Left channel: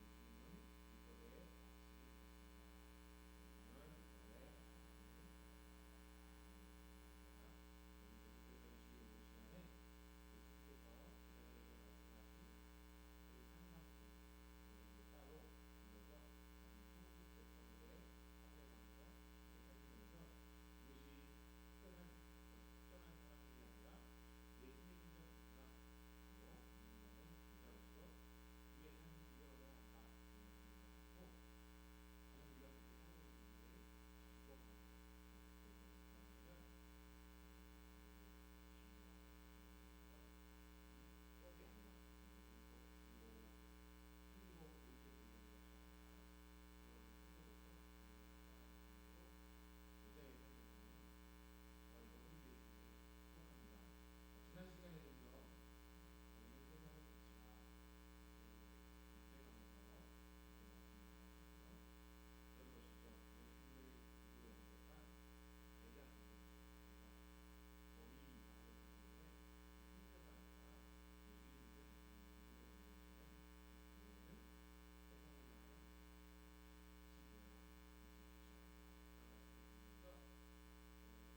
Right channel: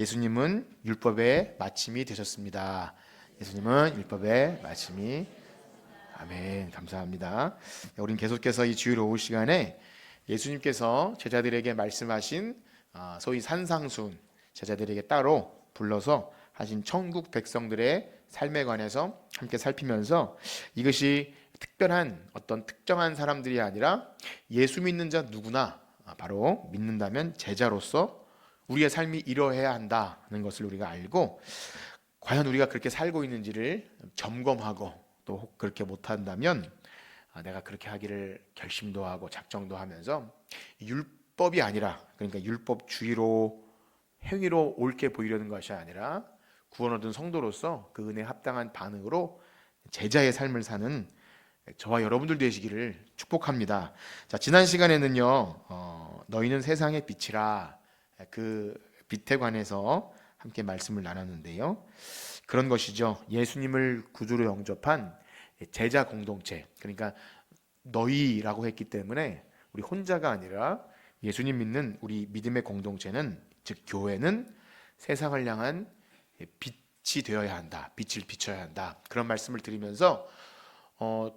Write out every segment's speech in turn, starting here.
예수님은 율법의 마침이 되셨습니다. 예수님은 율법의 마침이. 아멘. 감사합니다. 우리는 계속해서 이 주일 오후 시간에 예수님께서 제자들에게 말씀하신 소위 산상순, 제자들에게 따로 불러서 하신 천국 백성들의 삶에 관해서 함께 살피면서 이것이 특별한 어떤 특정한 사람들이 아니라 예수 믿는 자 누구나 바로 믿는다면 제자로서 우리의 삶이 이러해야 한다는 것을 우리가 알고, 과연 우리가 그렇게 살고 있는지를 점검하고, 또 혹 그렇게 못한다면 내가 그렇게 하기를 결심도 하고 작정도 하면서 율법이 아니라, 그러니까 율법주의로 행위로 옳게 보이려는 것이 아니라 구원 얻은 성도로서 그 은혜에 합당한 반응으로 제자의 삶을 사는 저와 여러분들 되시기를 축복합니다. 자, 지난 시간에는요 너희는 세상의 빛이라, 그 빛에 관해서 함께 말씀을 나눴는데요, 그런 것이죠. 예수님을 구주로 영접한 제자 공동체, 그러니까 너희라고 했기 때문에 우리 혼자가 아니라 예수님 믿는 우리 믿음의 공동체는, 즉 교회는 세상을 향한 빛이 되어야 한다, 빛을 비춰야 한다, 그런 말씀을 드리면서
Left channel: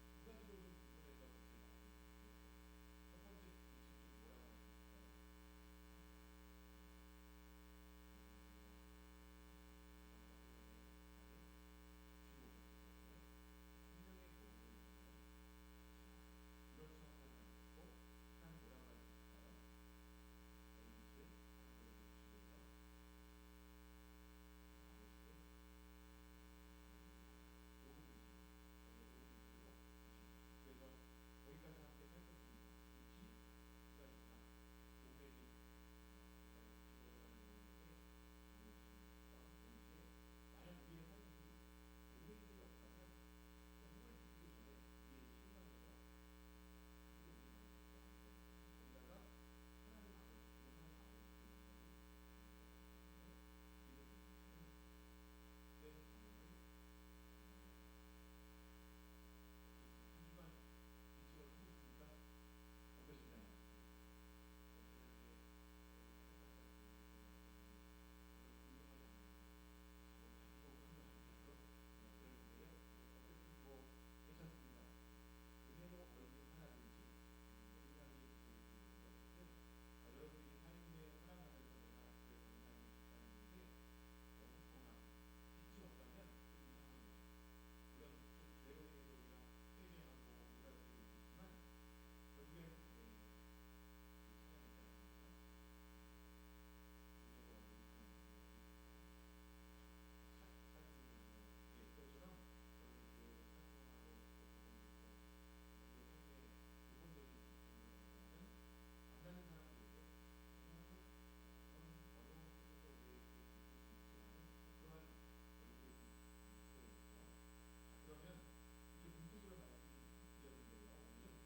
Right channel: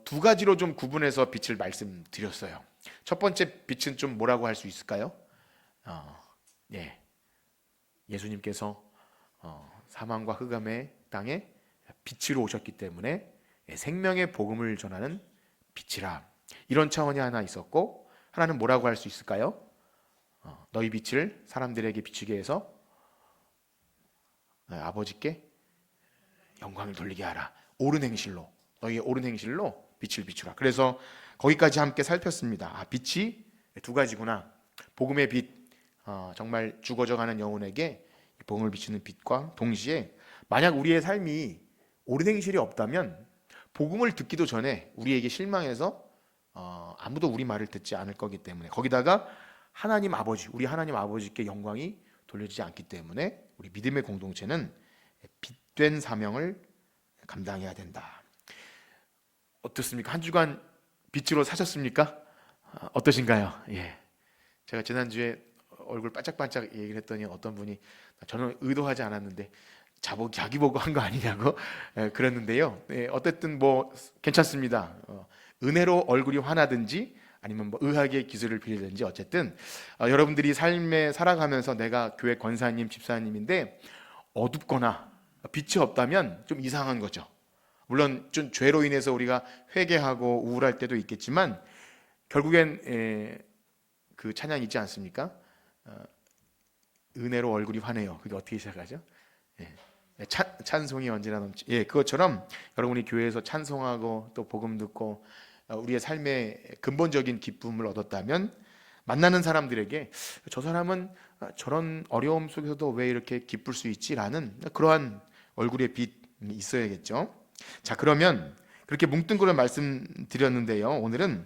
두 가지로 좀 구분해서 빛을 말씀드렸어요. 첫 번째 빛은 좀 뭐라고 할 수 있을까요? 예, 예수님께서 사망과 흑암의 땅에 빛으로 오셨기 때문에 생명의 복음을 전하는 빛이라, 이런 차원이 하나 있었고, 하나는 뭐라고 할 수 있을까요? 너희 빛을 사람들에게 비추게 해서 아버지께 영광을 돌리게 하라. 옳은 행실로, 너희의 옳은 행실로 빛을 비추라. 그래서 거기까지 함께 살폈습니다. 빛이 두 가지구나. 복음의 빛, 정말 죽어져가는 영혼에게 복음을 비추는 빛과 동시에, 만약 우리의 삶이 옳은 행실이 없다면 복음을 듣기도 전에 우리에게 실망해서 아무도 우리 말을 듣지 않을 거기 때문에, 거기다가 하나님 아버지, 우리 하나님 아버지께 영광이 돌려지지 않기 때문에 우리 믿음의 공동체는 빛된 사명을 감당해야 된다. 어떻습니까? 한 주간 빛으로 사셨습니까? 어떠신가요? 예. 제가 지난주에 얼굴 반짝반짝 얘기를 했더니 어떤 분이 저는 의도하지 않았는데 자기 보고 한 거 아니냐고 그랬는데요. 어쨌든 뭐 괜찮습니다. 은혜로 얼굴이 환하든지 아니면 뭐 의학의 기술을 빌리든지, 어쨌든 여러분들이 삶에 살아가면서 내가 교회 권사님, 집사님인데 어둡거나 빛이 없다면 좀 이상한 거죠. 물론 좀 죄로 인해서 우리가 회개하고 우울할 때도 있겠지만 결국엔 그 찬양이 있지 않습니까? 은혜로 얼굴이 환해요. 그게 어떻게 시작하죠? 찬송이 언제나 넘치. 그것처럼 여러분이 교회에서 찬송하고 또 복음 듣고 우리의 삶의 근본적인 기쁨을 얻었다면, 만나는 사람들에게 저 사람은 저런 어려움 속에서도 왜 이렇게 기쁠 수 있지라는 그러한 얼굴의 빛이 있어야겠죠. 자, 그러면 그렇게 뭉뚱그려 말씀드렸는데요, 오늘은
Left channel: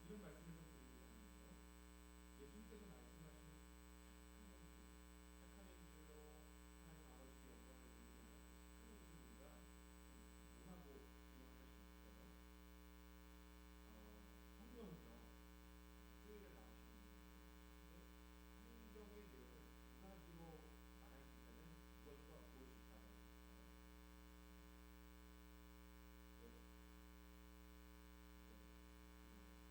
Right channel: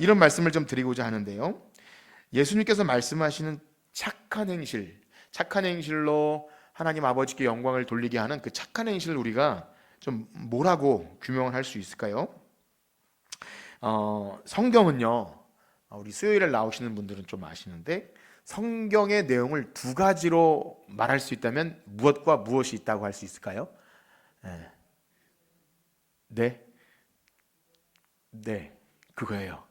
이런 말씀을 좀 드리고자 하는데요, 예수님께서 말씀하시는 착한 행실, 착한 행실로 하나님 아버지께 영광을 돌리게 하는 그 착한 행실을 우리가 좀 뭐라고 규명을 할 수 있을까요? 성경은요, 우리 수요일에 나오시는 분들은 좀 아시는데, 성경의 내용을 두 가지로 말할 수 있다면 무엇과 무엇이 있다고 할 수 있을까요? 네, 그거예요.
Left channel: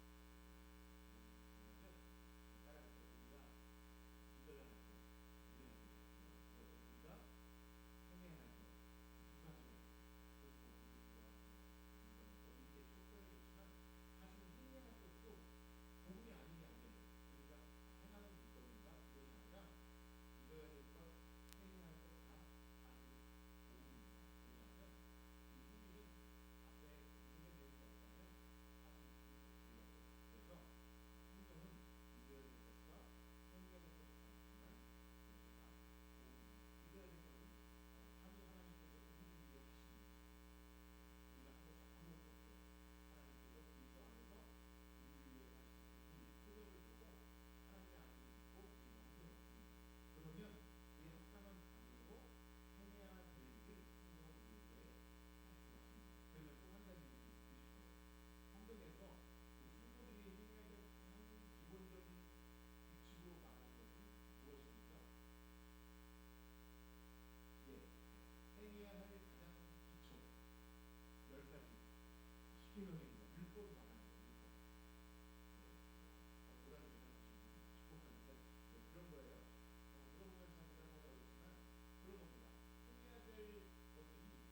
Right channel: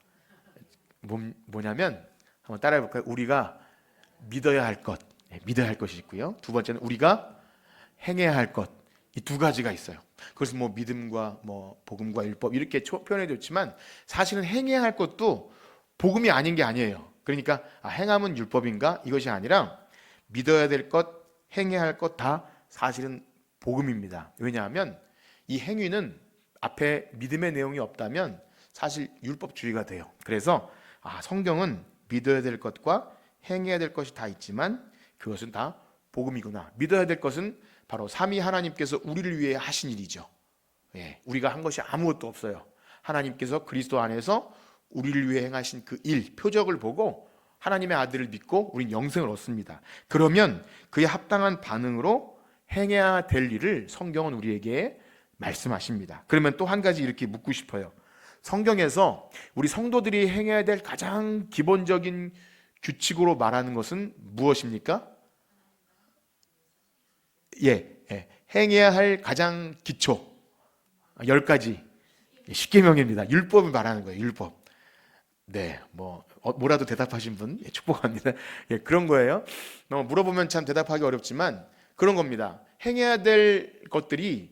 뭐냐면 한번 따라해 볼까요? 우리가 믿어야 할 것, 믿어야 할 것이 있고요. 두 번째는 우리가 행해야 할 것, 이 두 가지가 있어요. 그래서 뭐 믿음과 뭐 복음과 율법 이렇게 표현해 줬지만, 사실은 행해야 할 것도 복음이 아닌 게 아니에요. 그러니까 행함은 율법인가? 이것이 아니라 믿어야 될 것, 행해야 할 것 다 사실은 복음입니다. 왜냐하면 이 행위는 앞에 믿음의 내용이 없다면 사실 율법주의가 돼요. 그래서 성경은 믿어야 될 것과 행해야 될 것이 다 있지만 그것은 다 복음이구나. 믿어야 될 것은 바로 삼위 하나님께서 우리를 위해 하신 일이죠. 우리가 한 것이 아무것도 없어요. 하나님께서 그리스도 안에서 우리를 위해 행하신 그 일, 표적을 보고 하나님의 아들을 믿고 우린 영생을 얻습니다. 그러면 그에 합당한 반응으로 행해야 될 일을 성경은 우리에게 말씀하십니다. 그러면 또 한 가지 이렇게 묻고 싶어요. 성경에서 우리 성도들이 행해야 될 가장 기본적인 규칙으로 말하는 것은 무엇입니까? 행해야 할 가장 기초 10가지 십계명입니다. 율법을 말하는 거예요. 율법. 네, 뭐라도 대답하신 분 축복합니다. 그런 거예요. 물어보면 참 대답하기 어렵지만 그런 겁니다. 행해야 될 것들이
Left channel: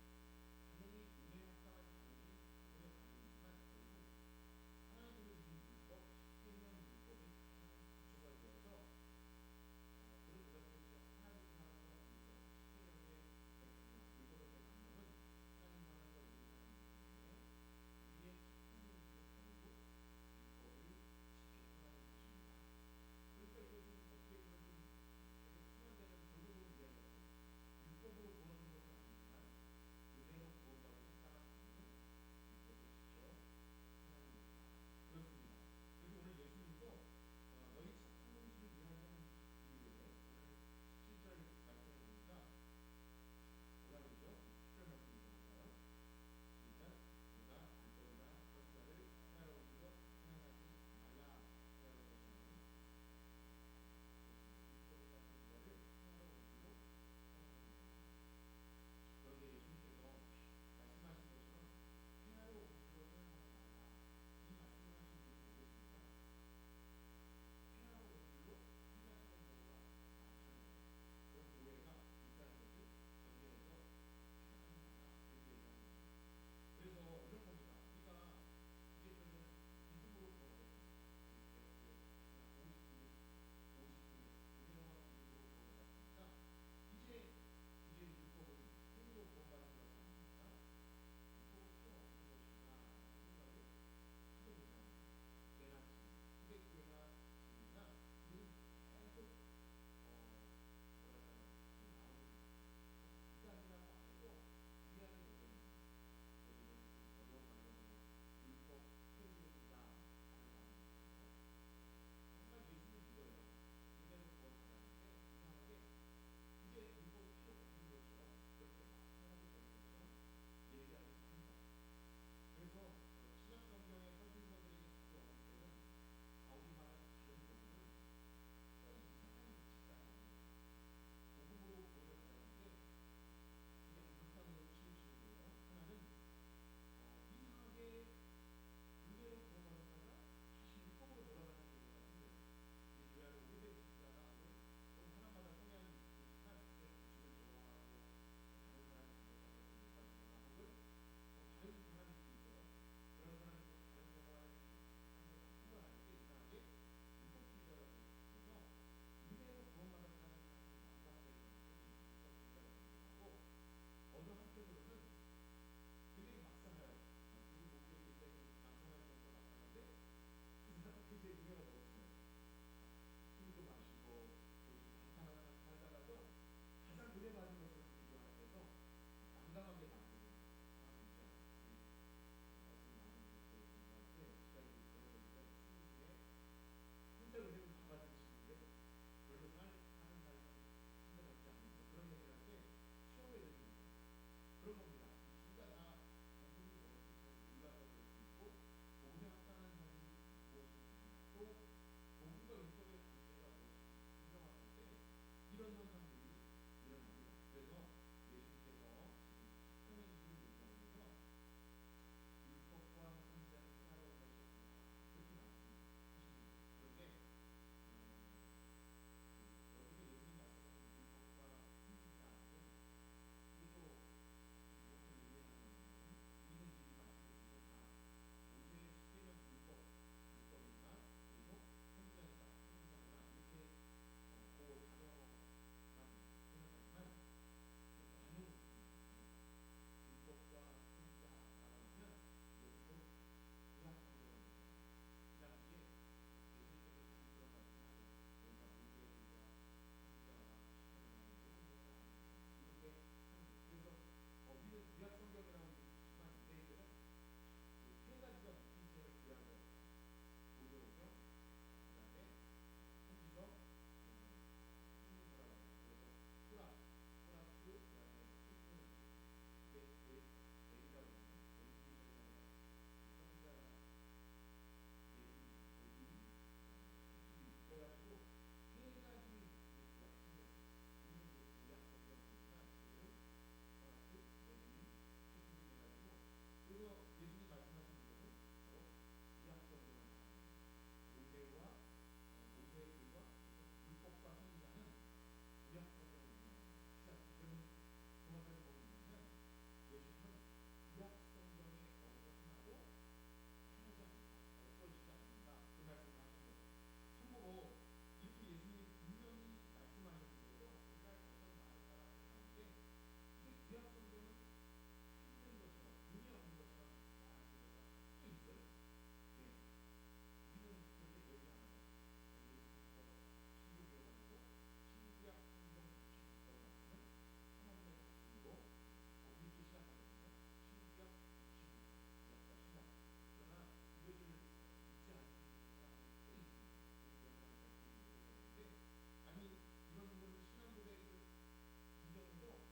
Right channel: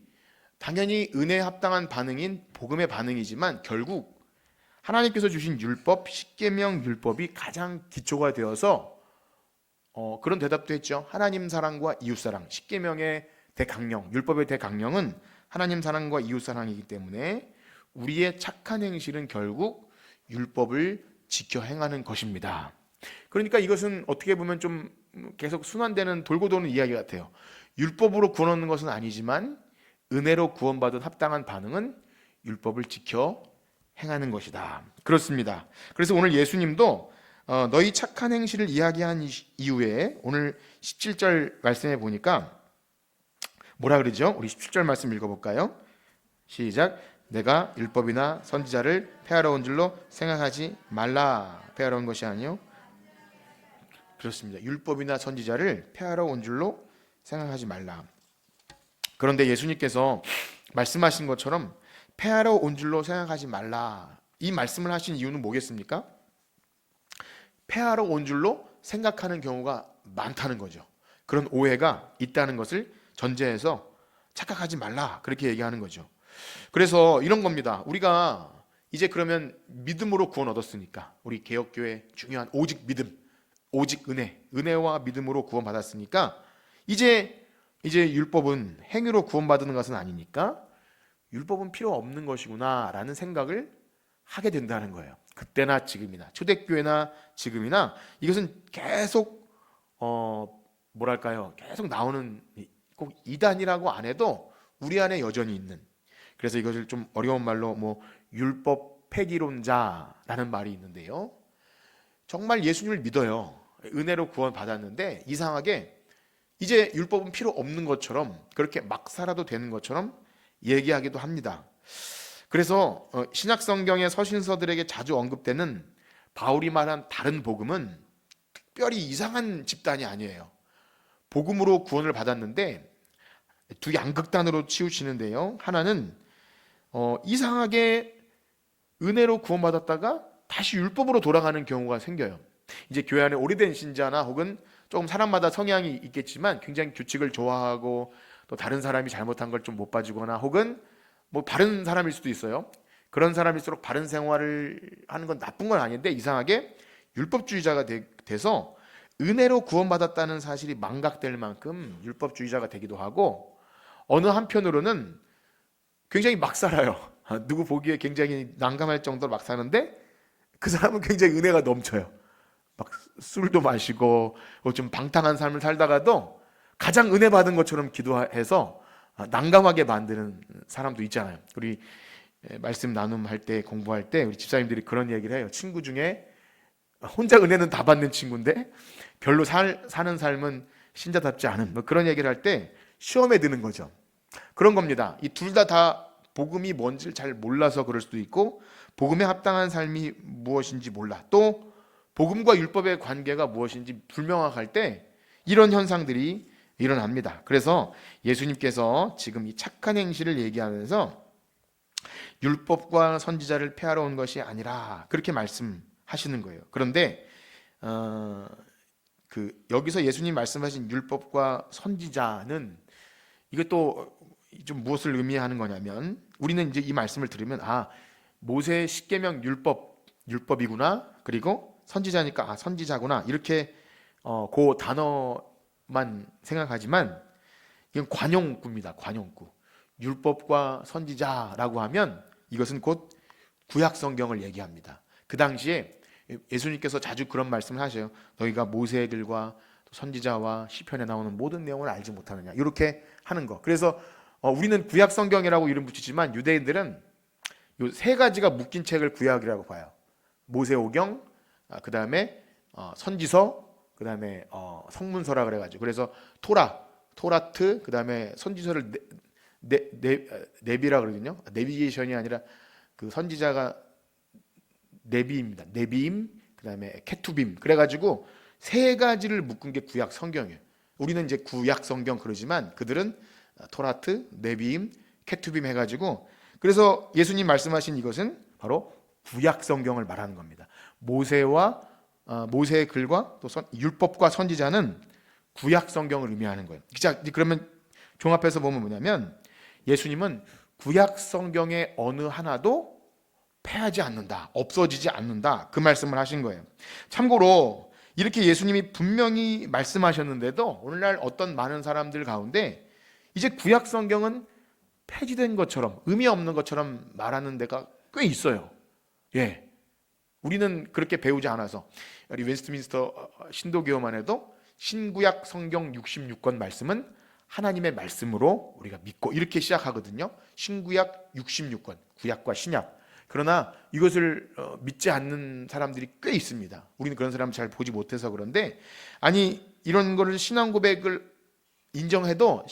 당연히 은혜에 합당한 반응인 복음의 반응이지만 결국 하나님께서 주신 율법, 십계명 율법이 가장 기초가 되어서 그런 대답도 했죠. 하나님 사랑과 이웃 사랑. 십계명의 대강령, 율법의 대강령은 하나님 사랑과 이웃 사랑이기 때문에 우리의 착한 행실은 결국 율법을 지켜 행하는 것입니다. 그러니까 이것은 어떻게 보면 좀 계속 순환되는 돌고 도는 이야기 같아요. 율법으로 구원 얻는 것은 아니지만 은혜로 구원받은 합당한 반응은 율법을 지켜 행하는 것이다. 그렇습니다. 그래서 오늘 예수님도 너희 착한 행실을 이야기한 이후에 오늘 17절 말씀에 보니까 뭐라 그러죠? 우리 17절 말씀 읽어볼까요? 시작. 내가 율법이나 선지자를 폐하러 온 줄로 생각하지 말라. 폐하러 온 것이 아니요. 그렇습니다. 율법이나 선지자를 폐하러 온 줄로 생각하지 말라. 그런데 예수님께서 말씀하신 것처럼 폐하러 온 줄로 생각하지 말라. 이 말씀을 하신 이유는 뭐겠습니까? 폐하러 온 줄로 생각하는 경우가 많다는 거죠. 그런 오해가 있다는 것을 전제해서 착각하지 말라 그렇게 얘기하는 거죠. 그래서 이런 겁니다. 우리가 이제 그러면 믿음으로 구원 얻었으니까 우리 개혁교회 중요한 오직 믿음, 오직 은혜와 믿음으로 구원 받았으니까 이제 율법은 행위로 구원받는 것은 아니니까 율법은 필요 없는 것이구나라는 생각을 하게 된다는 거예요. 그때나 지금이나 초대교회나 지금이나 이것은 계속 계속 나오는 꼭 이단이라고 안 해도 우리 안에 여전히 있는. 그래서 이것을 좀 어려운 말로 율법 폐기론자라는 말이 있는데요. 정말 예수님을 믿어요. 은혜로 구원 받았는데 이상하게 이제 율법은 필요 없는 것처럼 그렇게 막 살아도 되는 것처럼 얘기하기도 합니다. 그래서 신약 성경의 서신서들에게 자주 언급되는 바울이 말한 다른 복음은 특별히 이상한 집단이 아니에요. 복음으로 구원을 받았는데 두 양극단으로 치우치는데요. 하나는 이상하게 은혜로 구원받았다가 다시 율법으로 돌아가는 경우가 생겨요. 이제 교회 안에 오래된 신자나 혹은 조금 사람마다 성향이 있겠지만 굉장히 규칙을 좋아하고 또 다른 사람이 잘못한 걸 좀 못 봐주거나 혹은 바른 사람일 수도 있어요. 그런 사람일수록 바른 생활을 하는 건 나쁜 건 아닌데 이상하게 율법주의자가 돼서 은혜로 구원받았다는 사실이 망각될 만큼 율법주의자가 되기도 하고 어느 한편으로는 굉장히 막 살아요. 누구 보기에 굉장히 난감할 정도로 막 사는데 그 사람은 굉장히 은혜가 넘쳐요. 막 술도 마시고 좀 방탕한 삶을 살다가도 가장 은혜 받은 것처럼 기도해서 난감하게 만드는 사람도 있잖아요. 우리 말씀 나눔할 때 공부할 때 우리 집사님들이 그런 얘기를 해요. 친구 중에 혼자 은혜는 다 받는 친구인데 별로 사는 삶은 신자답지 않은 그런 얘기를 할 때 시험에 드는 거죠. 그런 겁니다. 이 둘 다 복음이 뭔지를 잘 몰라서 그럴 수도 있고 복음에 합당한 삶이 무엇인지 몰라. 또 복음과 율법의 관계가 무엇인지 불명확할 때 이런 현상들이 일어납니다. 그래서 예수님께서 지금 이 착한 행실을 얘기하면서 율법과 선지자를 폐하러 온 것이 아니라 그렇게 말씀하시는 거예요. 그런데 여기서 예수님 말씀하신 율법과 선지자는 이것도 좀 무엇을 의미하는 거냐면 우리는 이제 이 말씀을 들으면 모세의 십계명 율법이구나 그리고 선지자니까 선지자구나 이렇게 그 단어만 생각하지만 이건 관용구입니다. 관용구. 율법과 선지자라고 하면 이것은 곧 구약 성경을 얘기합니다. 그 당시에 예수님께서 자주 그런 말씀을 하셔요. 너희가 모세의 글과 선지자와 시편에 나오는 모든 내용을 알지 못하느냐 이렇게 하는 거. 그래서 우리는 구약 성경이라고 이름 붙이지만 유대인들은 이 세 가지가 묶인 책을 구약이라고 봐요. 모세오경, 그 다음에 선지서, 그 다음에 성문서라 그래가지고 그래서 토라트, 그 다음에 선지서를 네비라 그러거든요. 내비게이션이 아니라 그 선지자가 네비입니다. 네비임, 그 다음에 케투빔. 그래가지고 세 가지를 묶은 게 구약 성경이에요. 우리는 이제 구약 성경 그러지만 그들은 토라트, 네비임, 케투빔 해가지고, 그래서 예수님 말씀하신 이것은 바로 구약 성경을 말하는 겁니다. 모세의 글과 또 율법과 선지자는 구약 성경을 의미하는 거예요. 자, 그러면 종합해서 보면 뭐냐면 예수님은 구약 성경의 어느 하나도 패하지 않는다, 없어지지 않는다, 그 말씀을 하신 거예요. 참고로 이렇게 예수님이 분명히 말씀하셨는데도 오늘날 어떤 많은 사람들 가운데 이제 구약 성경은 폐지된 것처럼, 의미 없는 것처럼 말하는 데가 꽤 있어요. 예, 우리는 그렇게 배우지 않아서. 우리 웨스트민스터 신도교만 해도 신구약 성경 66권 말씀은 하나님의 말씀으로 우리가 믿고, 이렇게 시작하거든요. 신구약 66권, 구약과 신약. 그러나 이것을 믿지 않는 사람들이 꽤 있습니다. 우리는 그런 사람 잘 보지 못해서 그런데, 아니 이런 거를 신앙 고백을 인정해도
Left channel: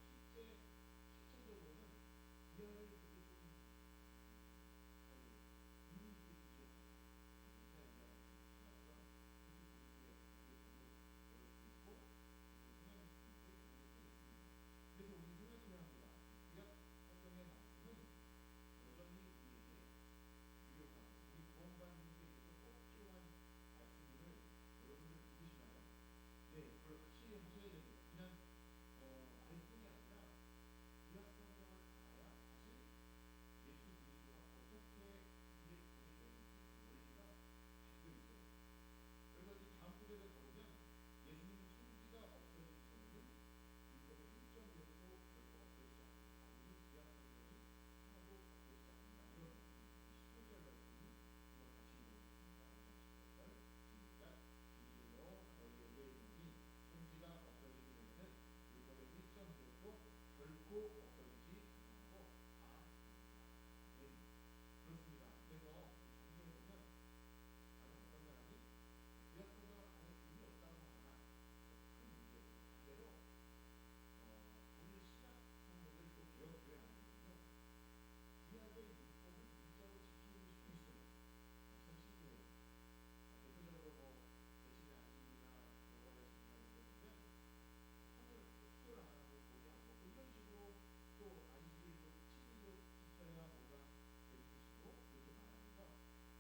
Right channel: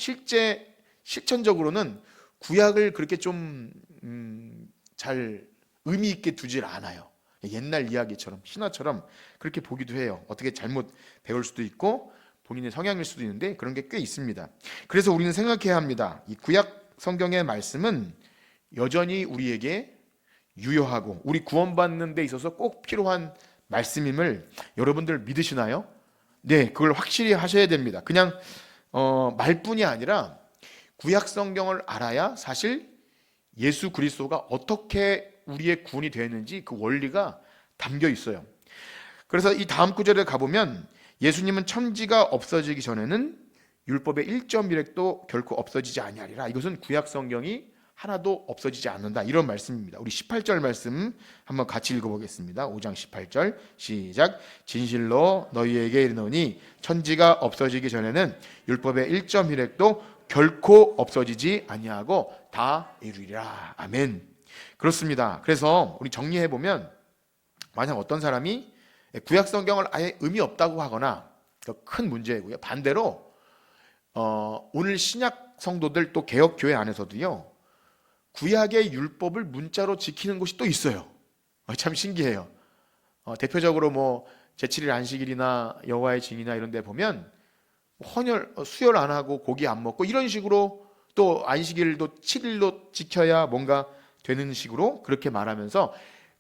실천적으로는 구약을 그렇게 좀 잘 의미 있게 두질 않아요. 옛날 이야기처럼, 신화처럼 그렇게 보기도 해요. 어떻게 잘못 배울 수도 있고 본인의 성향일 수도 있는데 그런 게 꽤 있습니다. 그래서 우리는 생각해야 합니다. 이 구약 성경의 말씀은 여전히 우리에게 유효하고 우리 구원받는 데 있어서 꼭 필요한 말씀임을 여러분들 믿으시나요? 네, 그걸 확실히 하셔야 됩니다. 그냥 말뿐이 아니라 구약 성경을 알아야 사실 예수 그리스도가 어떻게 우리의 구원이 되었는지 그 원리가 담겨 있어요. 그래서 이 다음 구절에 가보면 예수님은 천지가 없어지기 전에는 율법의 1.1획도 결코 없어지지 아니하리라. 이것은 구약 성경이 하나도 없어지지 않는다, 이런 말씀입니다. 우리 18절 말씀 한번 같이 읽어보겠습니다. 5장 18절 시작. 진실로 너희에게 이르노니 천지가 없어지기 전에는 율법의 1.1획도 결코 없어지지 아니하고 다 이루리라. 아멘. 그렇습니다. 그래서 우리 정리해보면, 만약 어떤 사람이 구약 성경을 아예 의미 없다고 하거나, 큰 문제고요. 반대로 오늘 신약 성도들, 또 개혁 교회 안에서도요, 구약의 율법을 문자로 지키는 곳이 또 있어요. 참 신기해요. 대표적으로 뭐 제7일 안식일이나 여호와의 증이나 이런 데 보면 수혈 안 하고 고기 안 먹고 이런 식으로, 또 안식일도 7일로 지켜야 뭔가 되는 식으로 그렇게 말하면서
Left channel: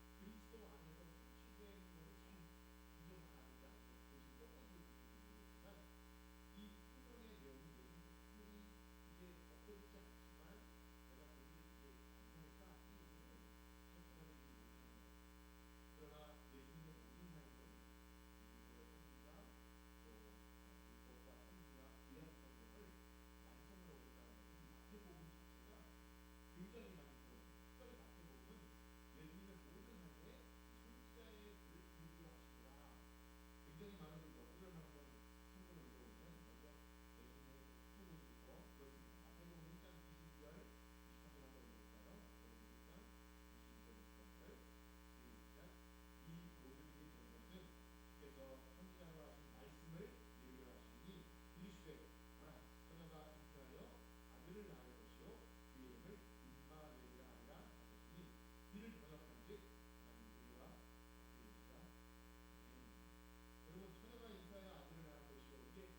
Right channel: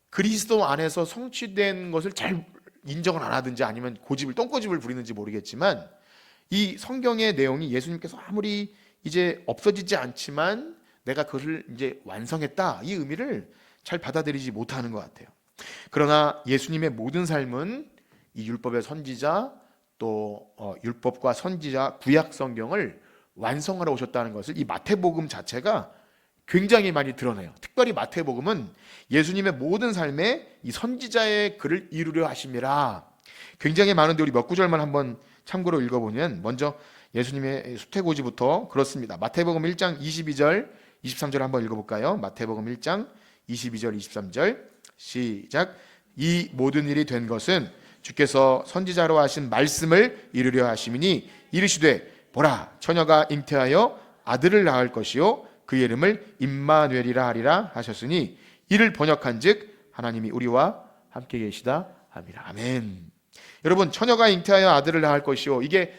그리스도 안에서 성취된 것을 잘 인정을 안 하든지 아니면 똥고집을 부리는지 모르겠지만, 이 성경의 내용이 예수님께서 아무리 이제 없어지지 않지만 내가 그것을 이제 완성했다, 이 의미를 잘 받아들이지 못하는 것 같아요. 그러나 예수님의 모든 삶은 이 율법의 선지자, 또 율법과 선지자 구약 성경을 완성하러 오셨다는 것을 이 마태복음 자체가 굉장히 많이 드러내요. 특별히 마태복음은 예수님의 모든 삶에 이 선지자의 글을 이루려 하심이라. 굉장히 많은데 우리 몇 구절만 한번 참고로 읽어보면, 먼저 예수님의 수태고지부터 그렇습니다. 마태복음 1장 22절 23절 한번 읽어볼까요? 마태복음 1장 22절 23절 시작. 이 모든 일이 된 것은 주께서 선지자로 하신 말씀을 이루려 하심이니 이르시되 보라, 처녀가 잉태하여 아들을 낳을 것이요 그의 이름을 임마누엘이라 하리라 하셨으니, 이를 번역한즉 하나님이 우리와 함께 계시다 함이라. 아멘. 여러분, 처녀가 잉태하여 아들을 낳을 것이요, 이게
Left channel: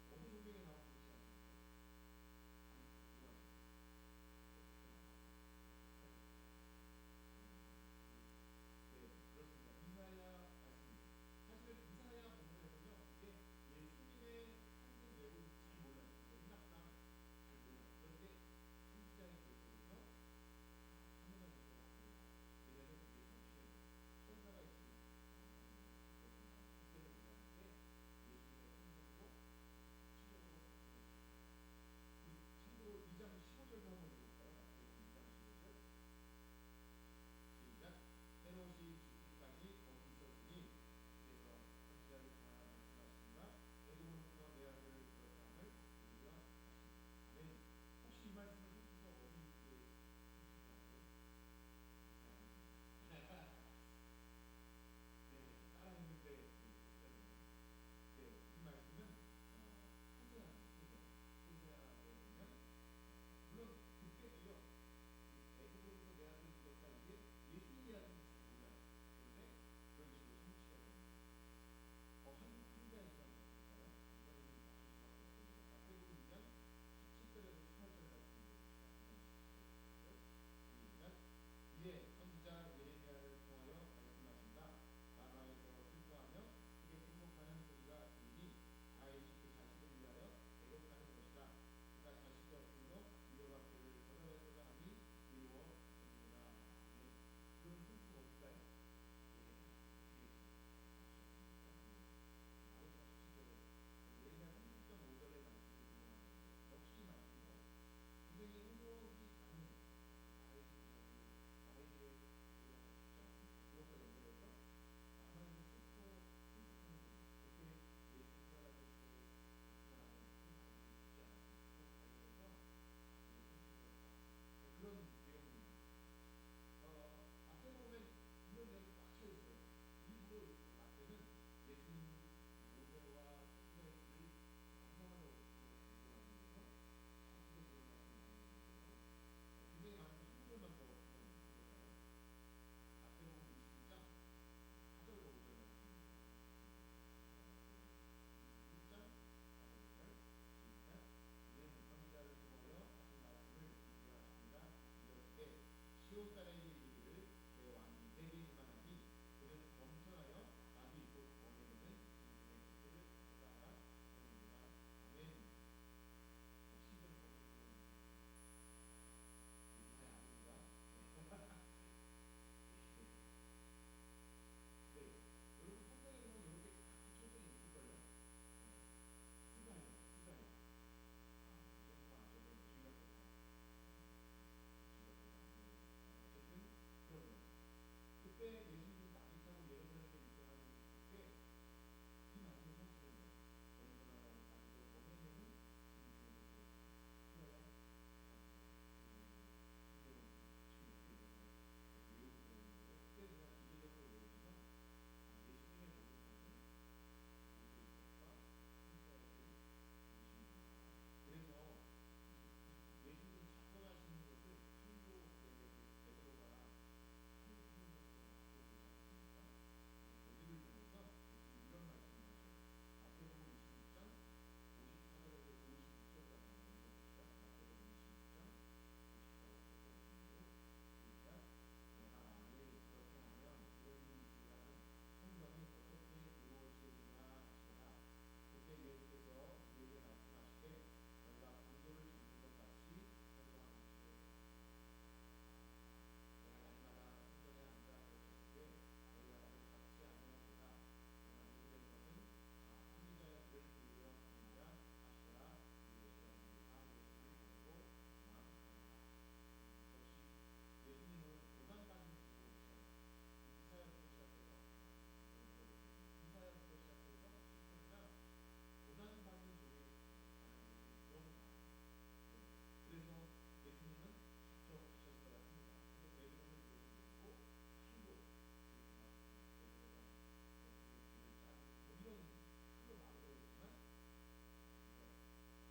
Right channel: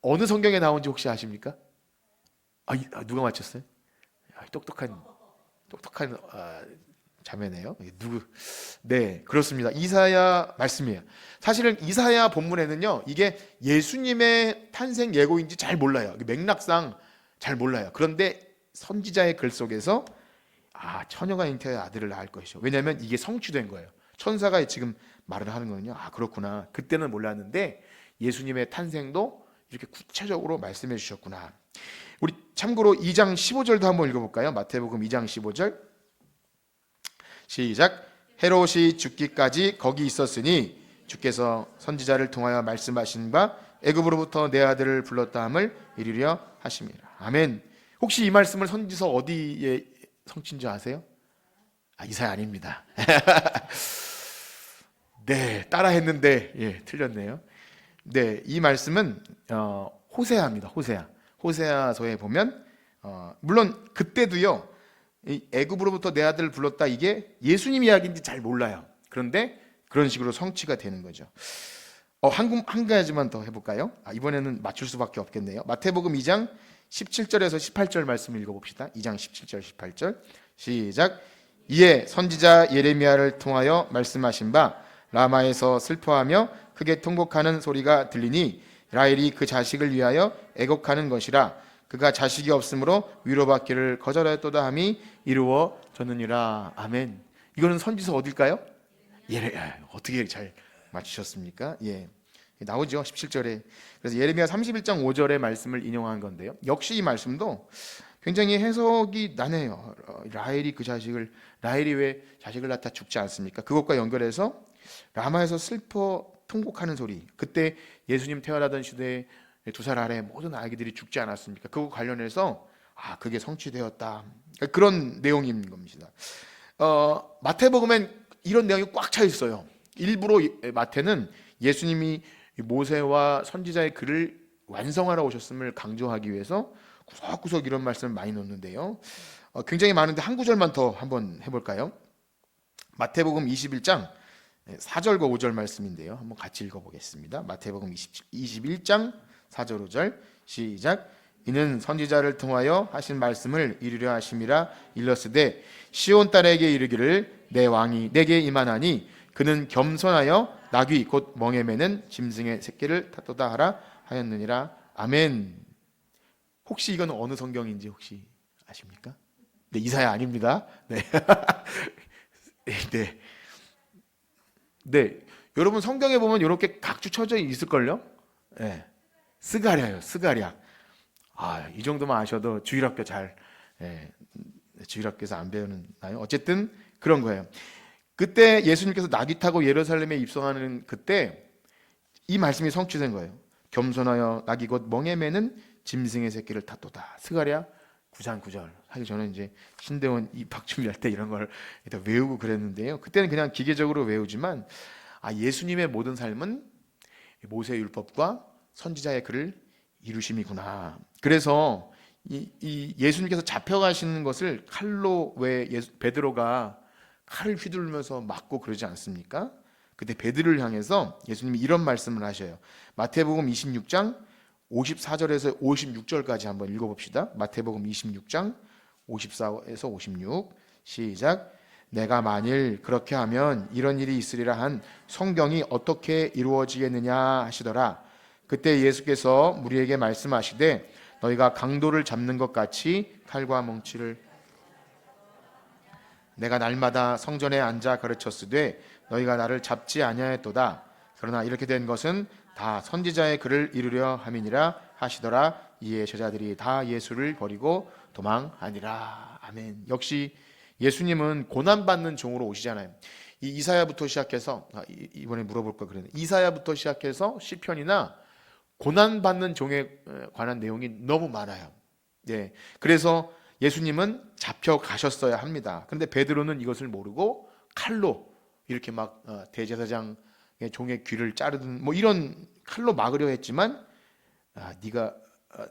어느 성경에 나온지 혹시 아십니까? 누가 맞췄어요? 똑똑한 자매네요. 네, 그렇습니다. 이사야 말씀이에요. 사실은 이사야 본문에는요, 이게 예수님의 탄생 예고인지 잘 몰라요. 맥락상 잘 몰라요. 그런데 선지자의 글 속에서 처녀가 잉태하여 아들을 낳을 것이요, 왜냐하면 이게 성취된 거예요. 천사가 지금 말을 하는 거는요, 그렇구나, 그때는 몰랐는데 예수님의 탄생도 이렇게 구체적으로 말씀해 주셨구나. 우리 참고로 2장 15절도 한번 읽어볼까요? 마태복음 2장 15절 시작. 헤롯이 죽기까지 거기 있었으니 주께서 선지자를 통하여 말씀하신 바 애굽으로부터 내 아들을 불렀다 함을 이루려 하심이라. 아멘. 혹시 이 말씀을 선지서 어디에 성취인 줄 아세요? 이사야 아닙니다. 네, 따라했는데 틀렸네요. 네, 이 말씀은 호세아입니다. 호세아서에 보면 물론 그때도요, 이 애굽으로부터 내 아들을 불렀다, 이게 예수님 이야기인지 잘 몰라요. 그런데 그런 식으로 성취가 되는 거죠. 한 가지만 더 해볼까요? 이번에는 맞출 수밖에 없겠네요. 마태복음 2장 17절에서 18절 말씀 읽어봅시다. 2장 17절 18절 시작. 이에 선지자 예레미야를 통하여 말씀하신 바 라마에서 슬퍼하며 크게 통곡하는 소리가 들리니 라헬이 그 자식을 위하여 애곡하는 것이라. 그가 자식이 없으므로 위로받기를 거절하였도다 함이 이루어졌느니라. 아멘. 이거는 선지서 어딜까요? 어떻게 잘 맞추셨습니까? 나오죠. 17절에. 그래서 예레미야 31장 5절의 말씀을 인용한 건데요. 역시 이 말씀도 굉장히 해석이 나네요. 라헬이 왜 자식을 낳다 죽지 않습니까? 그것과 연결해서 라마에서 슬퍼 통곡하는 소리. 그때 예수님 태어나던 시대에 2살 아래 모든 아기들이 죽지 않았습니까? 그거 관련해서 그게 성취되었다. 그런 내용인 겁니다. 마태복음엔 이런 내용이 꽉 차 있어요. 일부러 마태는 예수님이 모세와 선지자의 글을 완성하러 오셨음을 강조하기 위해서 구석구석 이런 말씀을 많이 넣는데요. 굉장히 많은데 한 구절만 더 한번 해볼까요? 마태복음 21장 4절과 5절 말씀인데요. 한번 같이 읽어보겠습니다. 마태복음 21장 4절 5절 시작. 이는 선지자를 통하여 하신 말씀을 이루려 하심이라. 일러스되 시온 딸에게 이르기를 내 왕이 내게 임하나니 그는 겸손하여 나귀 곧 멍에 매는 짐승의 새끼를 탓도다 하라 하였느니라. 아멘. 혹시 이건 어느 성경인지 혹시 아십니까? 네, 이사야 아닙니다. 네. 네. 네. 여러분 성경에 보면 이렇게 각주 쳐져 있을걸요? 네. 스가랴요. 스가랴. 이 정도만 아셔도 주일학교 주일학교에서 안 배우나요? 어쨌든 그런 거예요. 그때 예수님께서 나귀 타고 예루살렘에 입성하는 그때 이 말씀이 성취된 거예요. 겸손하여 나귀 곧 멍에 매는 짐승의 새끼를 탓도다. 스가랴 9장 9절 하기 전에 이제 신대원 입학 준비할 때 이런 걸 외우고 그랬는데요. 그때는 그냥 기계적으로 외우지만 예수님의 모든 삶은 모세 율법과 선지자의 글을 이루심이구나. 그래서 이 예수님께서 잡혀가시는 것을 칼로 왜 베드로가 칼을 휘두르면서 맞고 그러지 않습니까? 그때 베드로를 향해서 예수님이 이런 말씀을 하셔요. 마태복음 26장 54절에서 56절까지 한번 읽어봅시다. 마태복음 26장 54에서 56 시작. 내가 만일 그렇게 하면 이런 일이 있으리라 한 성경이 어떻게 이루어지겠느냐 하시더라. 그때 예수께서 무리에게 말씀하시되 너희가 강도를 잡는 것 같이 칼과 뭉치를 내가 날마다 성전에 앉아 가르쳤으되 너희가 나를 잡지 아니하였도다. 그러나 이렇게 된 것은 다 선지자의 글을 이루려 함이니라 하시더라. 이에 제자들이 다 예수를 버리고 도망하니라. 아멘. 역시 예수님은 고난받는 종으로 오시잖아요. 이 이사야부터 시작해서 이번에 물어볼 거 그랬는데 이사야부터 시작해서 시편이나 고난받는 종에 관한 내용이 너무 많아요. 그래서 예수님은 잡혀가셨어야 합니다. 그런데 베드로는 이것을 모르고 칼로 이렇게 막 대제사장의 종의 귀를 자르든 뭐 이런 칼로 막으려 했지만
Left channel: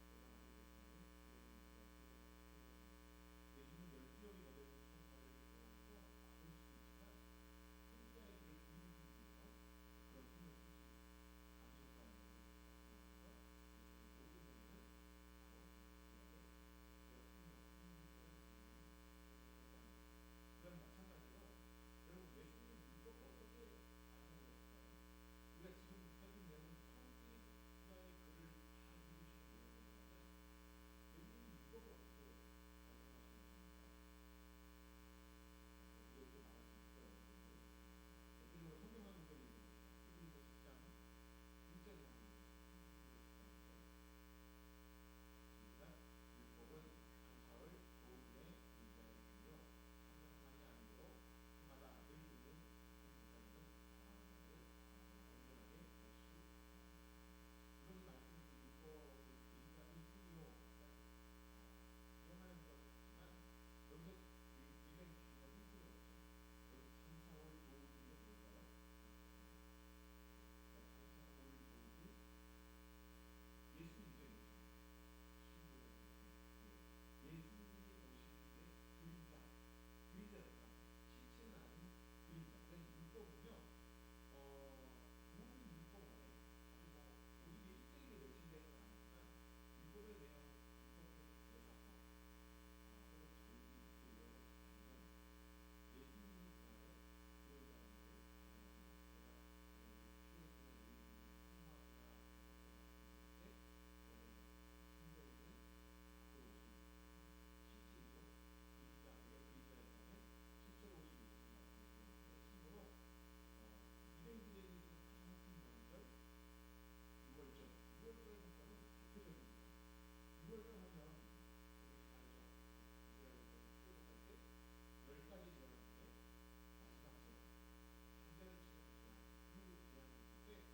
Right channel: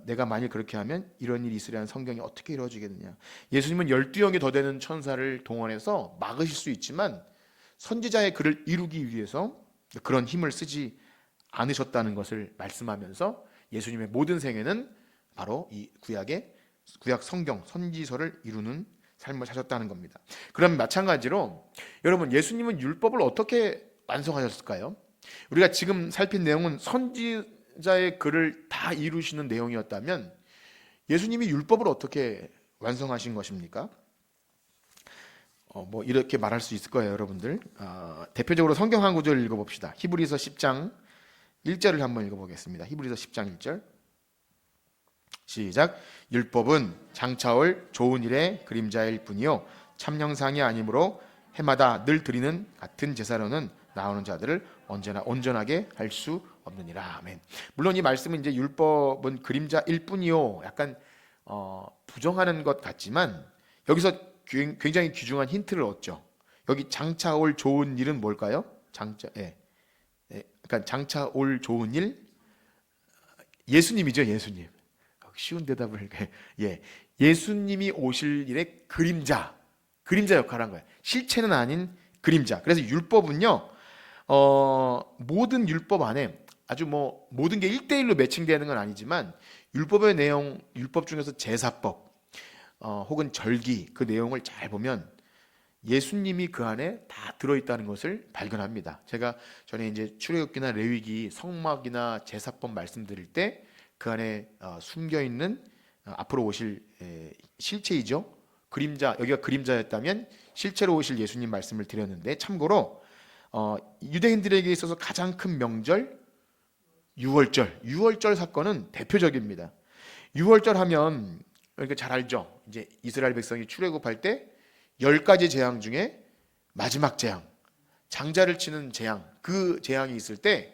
내가 만일 그렇게 하면 이런 일이 있으리라는 성경이 어떻게 이루어지겠느냐. 예수님은 12영이 더 되는 천사를 동원해서 막으실 수 있지만 선지자의 글을 이루기 위해서 그런 힘을 쓰지 않으셨다는 것을 말씀하면서 예수님의 모든 생애는 바로 이 구약 성경 선지서를 이루는 삶을 사셨다는 겁니다. 그럼 마찬가지로 여러분 예수님은 율법을 어떻게 완성하셨을까요? 우리가 지금 살핀 내용은 선지자의 글을 다 이루시는 내용이었다면 예수님이 율법을 어떻게 완성하신 것입니까? 뭐 이렇게 말할 수 있을 거예요, 여러분들. 대표적으로 성경 한 구절 읽어봅시다. 히브리서 10장 1절을 한번 읽어보겠습니다. 히브리서 10장 1절 시작. 율법은 장차올 좋은 일의 그림자일 뿐이요 참영상이 아니므로 해마다 늘 드리는 같은 제사로는 나오는 자들을 언제나 온전하게 할 수 없느니라. 아멘. 물론 이 말씀은 이제 율법은 그림자일 뿐이요 약간 부정하는 것 같지만 여기서 굉장히 귀중한 힌트를 얻죠. 여기 장차 올 좋은 일은 뭘까요? 그러니까 장차 올 좋은 일 예수님이죠. 예수님. 쉬운 대답을 예수님이 오실 일의 그림자 역할을 한 거예요. 실체는 아닌 그림자. 그래서 율법은요 모든 율법 안에 아주 뭐 모든 게 1대1로 매칭되는 건 아니지만 율법의 내용, 율법 중에서 제사법 혹은 절기 그 내용을 잘 보면 예수님이 그 안에 다 들어있다는 것을 발견합니다. 제가 전에 이제 출애굽기나 레위기, 성막이나 제사법 말씀드릴 때 그 안에 숨겨 있는 앞으로 오실 실체이죠. 그림자, 여기가 그림자였다면 실체로 오실 예수님 말씀을 드렸는데, 참고로 유대인들에게 있어서 가장 큰 명절 유월절 사건은 대표적입니다. 유월절 하면 그러니까 잘 알죠. 이제 이스라엘 백성이 출애굽할 때 10가지 재앙 중에 마지막 재앙, 장자를 치는 재앙, 그 재앙이 있을 때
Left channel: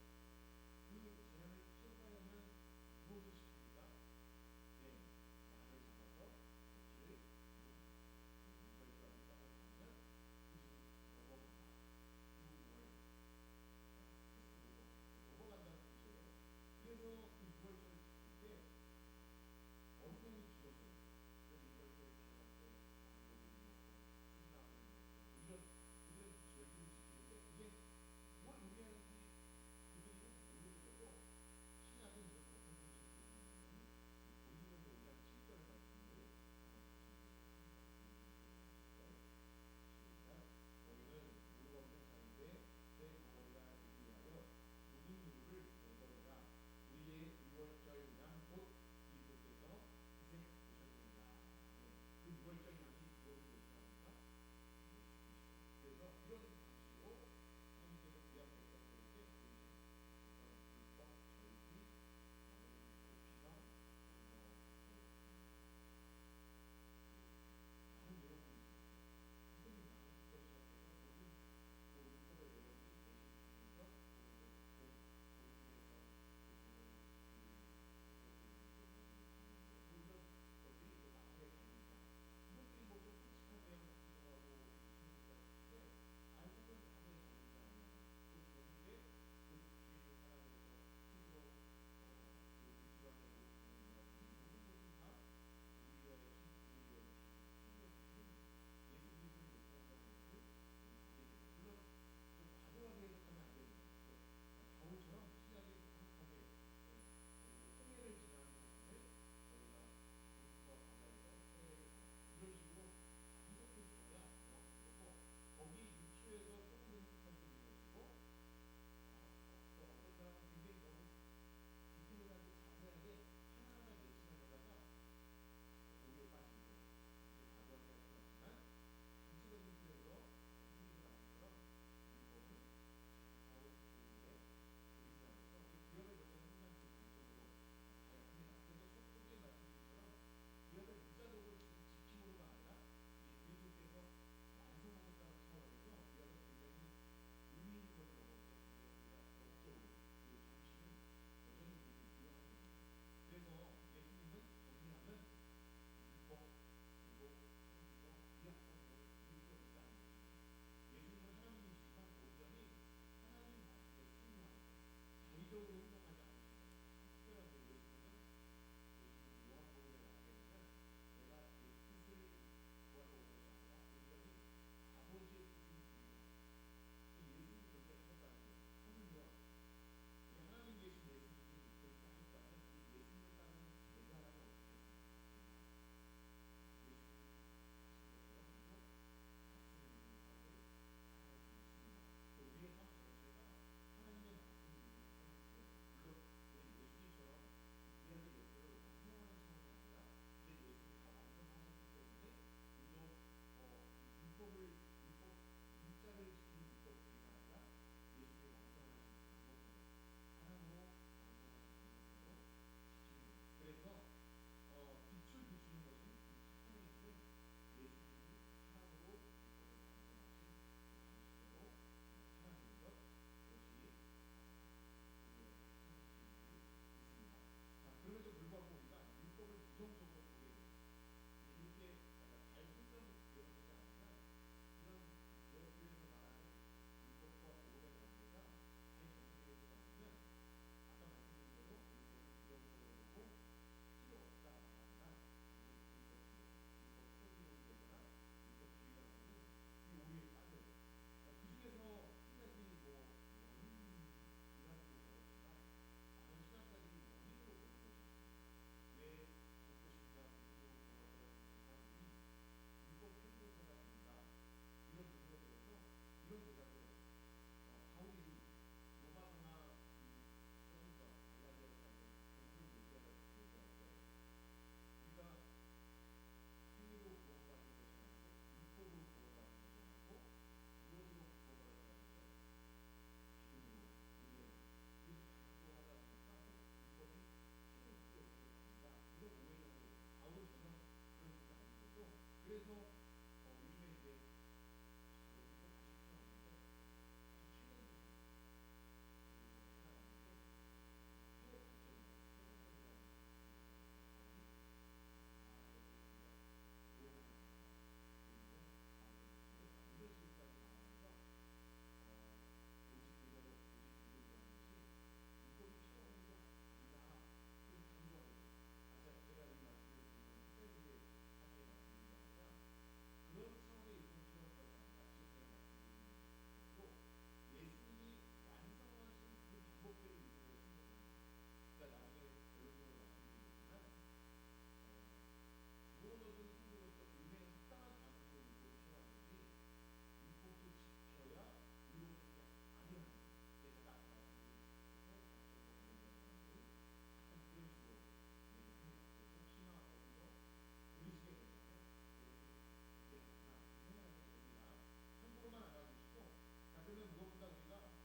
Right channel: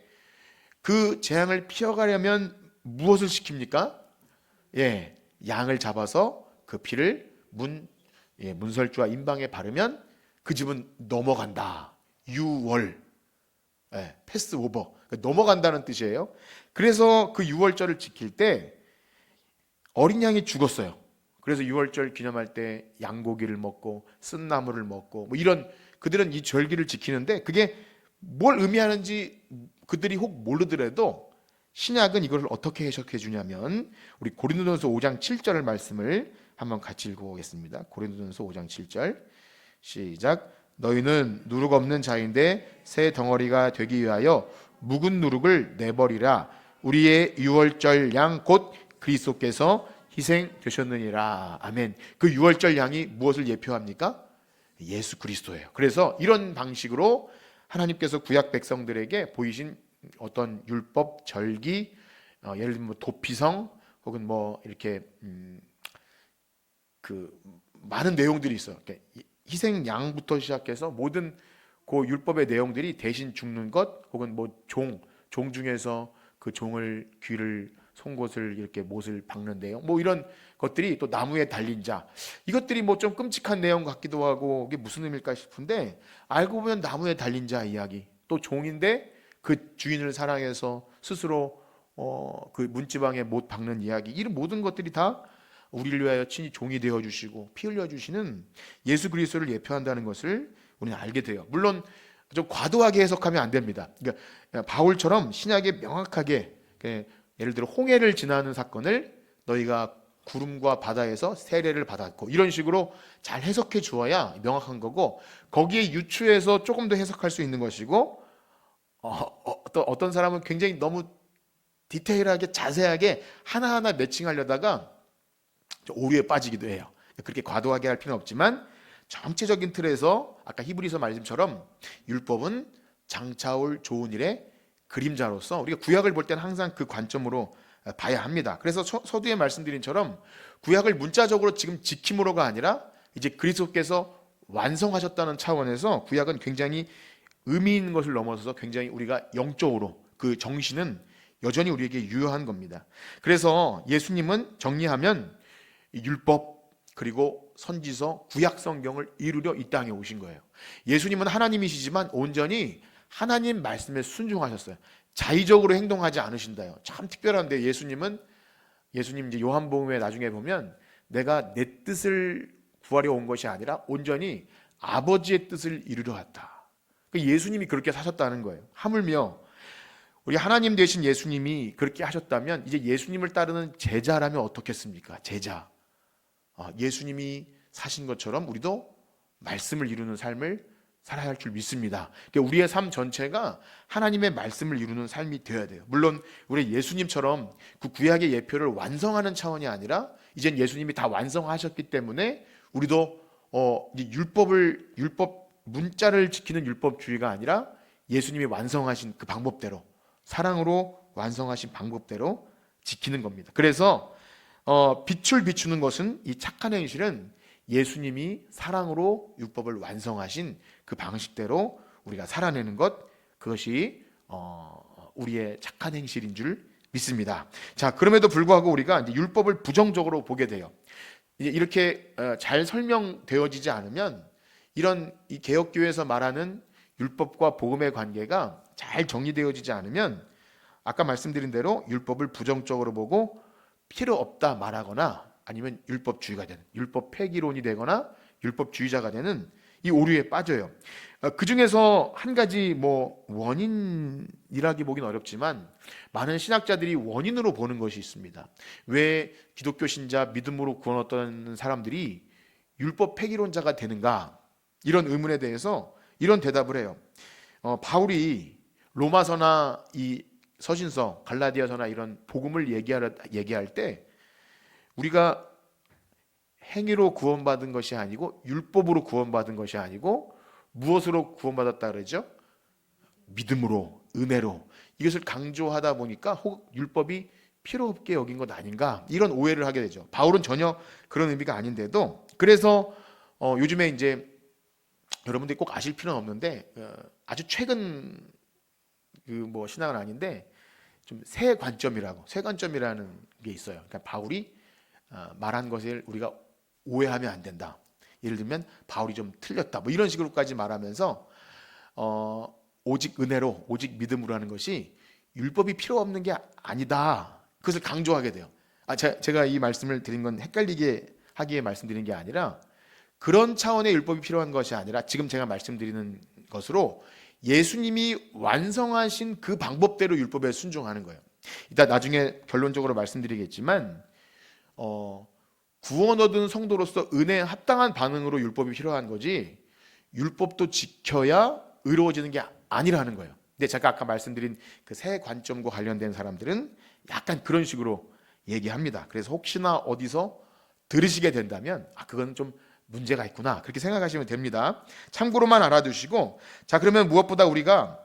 그 재앙을 피해가려면 무엇을 시킵니까? 예, 양을 잡아서 그 피를 문설주와 임방에 바르면 그 집은 넘어간다. 유월, 패스 오버, 넘어간다는 뜻이에요. 그래서 그 유월절을 지킬 때 어린 양이 죽었어요. 그래서 유월절 기념할 때 양고기를 먹고 쓴나물을 먹고 뭐 이런, 그들은 이 절기를 지키는데 그게 뭘 의미하는지 그들이 혹 모르더라도 신약은 이걸 어떻게 해석해 주냐면, 우리 고린도전서 5장 7절의 말씀을 한번 같이 읽어보겠습니다. 고린도전서 5장 7절 시작. 너희는 누룩 없는 자인데 새 덩어리가 되기 위하여 묵은 누룩을 내버리라. 우리의 유월절 양 곧 그리스도께서 희생되셨느니라. 아멘. 그 유월절 양이 무엇을 예표합니까? 예수 그리스도예요. 그래서 이런 방식으로 하나님께서 구약 백성들에게 보이신 어떤 율법, 절기, 예를 들면 뭐 도피성 혹은 뭐 이렇게 그 많은 내용들이 있어요. 희생 양부터 시작해서 모든 그 율법의 내용들이 대신 죽는 것, 혹은 뭐 종 중에서 그 종을 귀를 송곳을 이렇게 못을 박는 내용, 뭐 이런 것들이, 또 나무에 달린 자, 이것들이 뭐 좀 끔찍한 내용 같기도 하고 이게 무슨 의미일까 싶은데, 알고 보면 나무에 달린 자 이야기, 또 종인데 그 주인을 사랑해서 스스로 그 문지방에 못 박는 이야기, 이런 모든 것들이 다 우리를 위하여 친히 종이 되어 주시고 피 흘려 주시는 예수 그리스도를 예표한다는 것을 우리는 알게 돼요. 물론 좀 과도하게 해석하면 안 됩니다. 그러니까 바울처럼 신약에 명확하게, 예를 들어 홍해를 지나는 사건을 너희가 구름과 바다에서 세례를 받았고, 이런 식으로 잘 해석해 주어야 명확한 거고, 거기에 유추해서 조금 더 해석할 수 있는 것이고, 또 어떤 사람은 굉장히 너무 디테일하게 자세하게 하나하나 매칭하려다가 오류에 빠지기도 해요. 그렇게 과도하게 할 필요는 없지만 전체적인 틀에서 아까 히브리서 말씀처럼 율법은 장차올 좋은 일의 그림자로서 우리가 구약을 볼 때는 항상 그 관점으로 봐야 합니다. 그래서 서두에 말씀드린처럼 구약을 문자적으로 지금 지킴으로가 아니라 이제 그리스도께서 완성하셨다는 차원에서 구약은 굉장히 의미 있는 것을 넘어서서 굉장히 우리가 영적으로 그 정신은 여전히 우리에게 유효한 겁니다. 그래서 예수님은 정리하면 율법 그리고 선지서 구약 성경을 이루려 이 땅에 오신 거예요. 예수님은 하나님이시지만 온전히 하나님 말씀에 순종하셨어요. 자의적으로 행동하지 않으신다요. 참 특별한데, 예수님 이제 요한복음에 나중에 보면 내가 내 뜻을 구하려 온 것이 아니라 온전히 아버지의 뜻을 이루려 왔다. 예수님이 그렇게 사셨다는 거예요. 하물며 우리 하나님 되신 예수님이 그렇게 하셨다면 이제 예수님을 따르는 제자라면 어떻겠습니까? 제자. 예수님이 사신 것처럼 우리도 말씀을 이루는 삶을 살아야 할 줄 믿습니다. 그러니까 우리의 삶 전체가 하나님의 말씀을 이루는 삶이 되어야 돼요. 물론 우리 예수님처럼 그 구약의 예표를 완성하는 차원이 아니라 이젠 예수님이 다 완성하셨기 때문에 우리도 이제 율법 문자를 지키는 율법주의가 아니라 예수님이 완성하신 그 방법대로, 사랑으로 완성하신 방법대로 지키는 겁니다. 그래서 빛을 비추는 것은, 이 착한 행실은 예수님이 사랑으로 율법을 완성하신 그 방식대로 우리가 살아내는 것, 그것이 우리의 착한 행실인 줄 믿습니다. 자, 그럼에도 불구하고 우리가 이제 율법을 부정적으로 보게 돼요. 이제 이렇게 잘 설명되어지지 않으면, 이런 이 개혁교회에서 말하는 율법과 복음의 관계가 잘 정리되어지지 않으면, 아까 말씀드린 대로 율법을 부정적으로 보고 필요 없다 말하거나, 아니면 율법주의가 되는, 율법 폐기론이 되거나 율법주의자가 되는 이 오류에 빠져요. 그 중에서 한 가지 뭐 원인이라기 보긴 어렵지만 많은 신학자들이 원인으로 보는 것이 있습니다. 왜 기독교 신자 믿음으로 구원 얻던 사람들이 율법 폐기론자가 되는가? 이런 의문에 대해서 이런 대답을 해요. 바울이 로마서나 이 서신서, 갈라디아서나 이런 복음을 얘기할 때 우리가 행위로 구원받은 것이 아니고 율법으로 구원받은 것이 아니고 무엇으로 구원받았다 그러죠? 믿음으로, 은혜로. 이것을 강조하다 보니까 혹 율법이 필요 없게 여긴 것 아닌가 이런 오해를 하게 되죠. 바울은 전혀 그런 의미가 아닌데도 그래서 요즘에 이제 여러분들이 꼭 아실 필요는 없는데 아주 최근 그 뭐 신학은 아닌데 좀 새 관점이라는 게 있어요. 그러니까 바울이 말한 것을 우리가 오해하면 안 된다. 예를 들면 바울이 좀 틀렸다. 뭐 이런 식으로까지 말하면서 오직 은혜로, 오직 믿음으로 하는 것이 율법이 필요 없는 게 아니다. 그것을 강조하게 돼요. 제가 이 말씀을 드린 건 헷갈리게 하기에 말씀드린 게 아니라 그런 차원의 율법이 필요한 것이 아니라 지금 제가 말씀드리는 것으로 예수님이 완성하신 그 방법대로 율법에 순종하는 거예요. 이따 나중에 결론적으로 말씀드리겠지만 구원 얻은 성도로서 은혜에 합당한 반응으로 율법이 필요한 거지 율법도 지켜야 의로워지는 게 아니라는 거예요. 근데 제가 아까 말씀드린 그 새 관점과 관련된 사람들은 약간 그런 식으로 얘기합니다. 그래서 혹시나 어디서 들으시게 된다면 그건 좀 문제가 있구나 그렇게 생각하시면 됩니다. 참고로만 알아두시고 자 그러면 무엇보다 우리가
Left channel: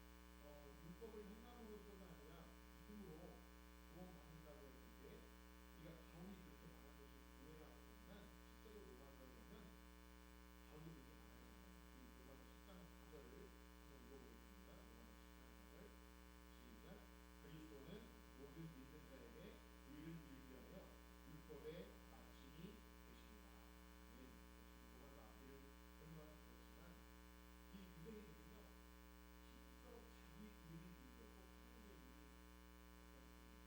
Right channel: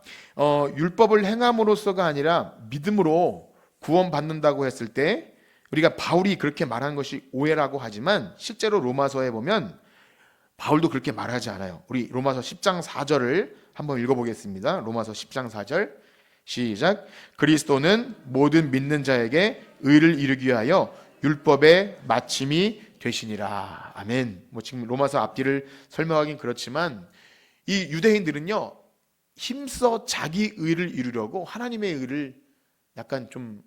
율법을 행함으로써가 아니라 믿음으로 구원받는다고 했을 때 우리가 바울이 그렇게 말하는 것이 오해라고 하지만 실제로 로마서에 보면 바울도 그렇게 말하지 않아요. 우리 로마서 10장 4절을 한번 읽어보겠습니다. 로마서 10장 4절 시작. 그리스도는 모든 믿는 자에게 의를 이루기 위하여 율법의 마침이 되시니라. 아멘. 뭐 지금 로마서 앞뒤를 설명하긴 그렇지만 이 유대인들은요 힘써 자기 의를 이루려고 하나님의 의를 약간 좀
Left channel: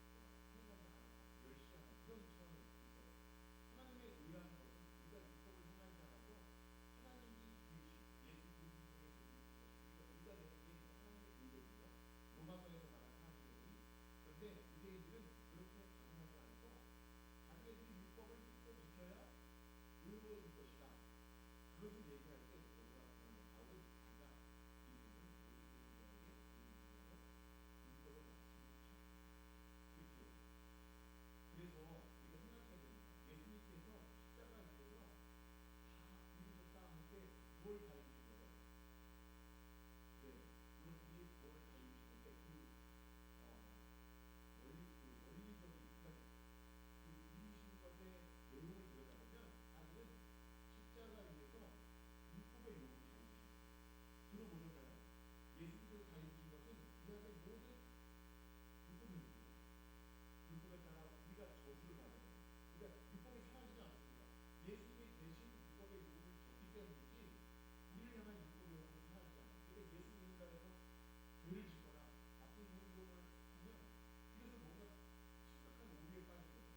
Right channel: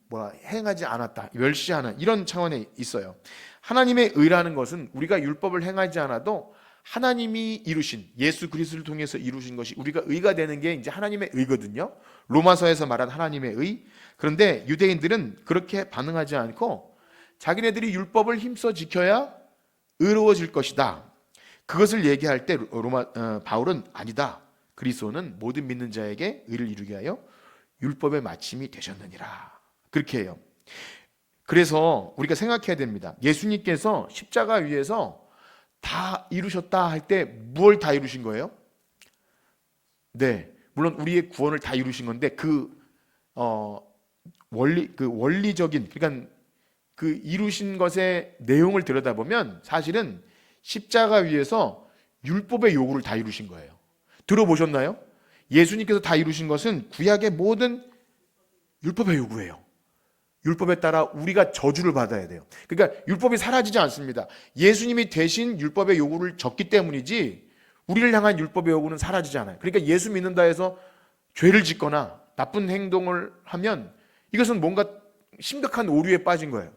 행하지 않았다, 멸시하는 이런 차원에 있어요. 하나님의 의라는 것은 우리가 율법을 행하지 않아도 하나님이 이루신 예수 그리스도를 통해서 이루신 것이 우리가 의가 되는 게 이제 하나님의 의거든요. 로마서에서 말한 하나님의 의. 그런데 유대인들은 그렇게 반응하지 않고 자기네들이 율법을 힘써 지켜야 의로워질 것이다. 그것을 얘기할 때 바울은 아니다. 그리스도는 모든 믿는 자에게 의를 이루게 하여 율법의 마침이 되셨느니라. 그렇게 해요. 그래서 우리가 생각해야 됩니다. 예수님께서 십자가 위에서 다 이루셨다 할 때 무엇을 다 이루신 거예요? 네, 물론 우리의 구원을 다 이루신 건데 그 원리적인 그러니까 그 이루신 것의 내용을 들여다보면 사실은 십자가 위에서 율법의 요구를 다 이루신 거예요. 들어보셨나요? 예수님께서 다 이루신 것은 구약의 모든 율법의 요구예요. 율법에 따라 우리가 저주를 받아야 돼요. 그러니까 율법이 사라지지 않습니다. 예수님이 대신 율법의 요구를 졌기 때문이지 우리를 향한 율법의 요구는 사라지지 않아요. 그러니까 예수 믿는다 해서 죄를 짓거나 나쁜 행동을 하면 이것은 뭔가 심각한 오류에 빠진 거예요.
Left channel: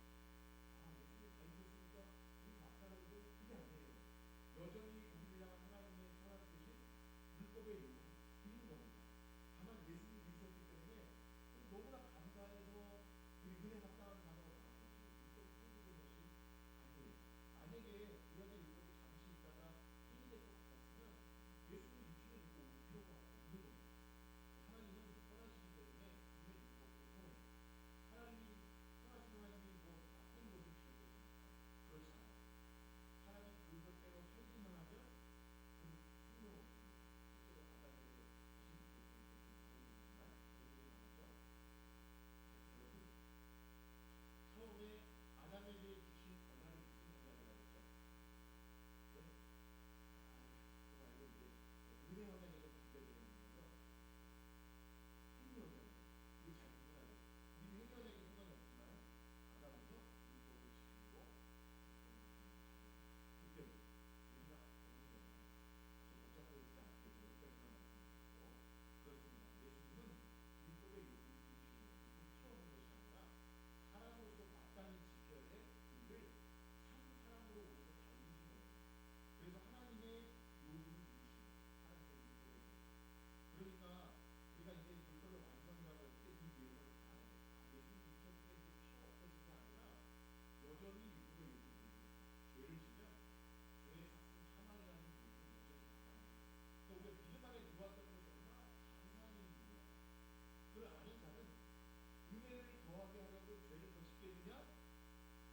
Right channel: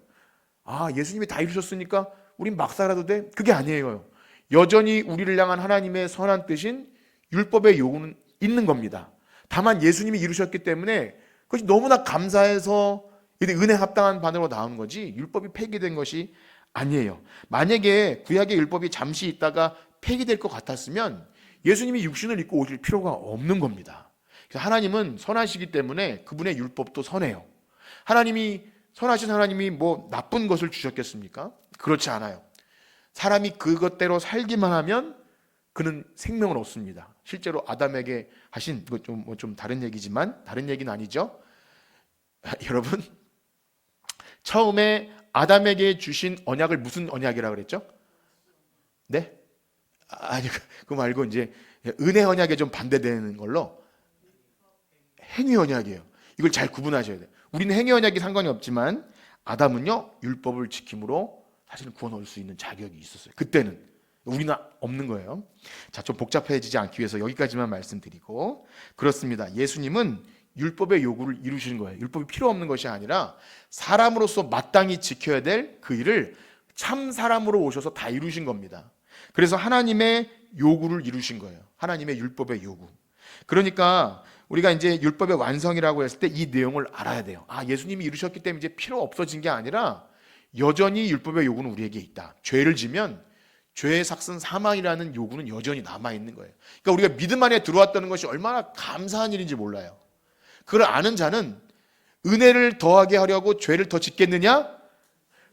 예수님이 다 이루셨으니까 우린 막 살아도 돼? 그게 아니에요. 여전히 우리를 향한 하나님의 선한 뜻인 율법의 요구는 있는 겁니다. 다만 예수님이 이루셨기 때문에 그것이 너무나 감사해서 은혜 합당한 반응으로 나온 거지 율법이 폐기된 것이 아니에요. 만약에 구약의 율법이 잠시 있다가 폐기될 것 같았으면 예수님이 육신을 입고 오실 필요가 없는 겁니다. 그래서 하나님은 선하시기 때문에 그분의 율법도 선해요. 선하신 하나님이 뭐 나쁜 것을 주셨겠습니까? 그렇지 않아요. 사람이 그것대로 살기만 하면 그는 생명을 얻습니다. 실제로 아담에게 하신 좀 다른 얘기지만 다른 얘기는 아니죠. 여러분 처음에 아담에게 주신 언약을 무슨 언약이라고 그랬죠? 네? 아니 그거 말고 이제 은혜 언약에 좀 반대되는 걸로 행위 언약이에요. 이걸 잘 구분하셔야 돼요. 우리는 행위 언약이 상관이 없지만 아담은요 율법을 지킴으로 사실은 구원 얻을 수 있는 자격이 있었어요. 그때는 우리는 없는 거예요. 자, 좀 복잡해지지 않기 위해서 여기까지만 말씀드리고 그렇습니다. 예수님은 율법의 요구를 이루신 거예요. 율법이 필요 없는 것이 아니라 사람으로서 마땅히 지켜야 될 그 일을 참 사람으로 오셔서 다 이루신 겁니다. 그래서 하나님의 요구를 이루신 거예요. 하나님의 율법의 요구. 그러니까 우리가 이제 율법의 완성이라고 했을 때 이 내용을 알아야 돼요. 예수님이 이루셨기 때문에 이제 필요 없어진 게 아니라 여전히 율법의 요구는 우리에게 있다. 죄를 지면 죄의 삭슨 사망이라는 요구는 여전히 남아 있는 거예요. 그러니까 우리가 믿음 안에 들어왔다는 것이 얼마나 감사한 일인지 몰라요. 그걸 아는 자는 은혜를 더하게 하려고 죄를 더 짓겠느냐?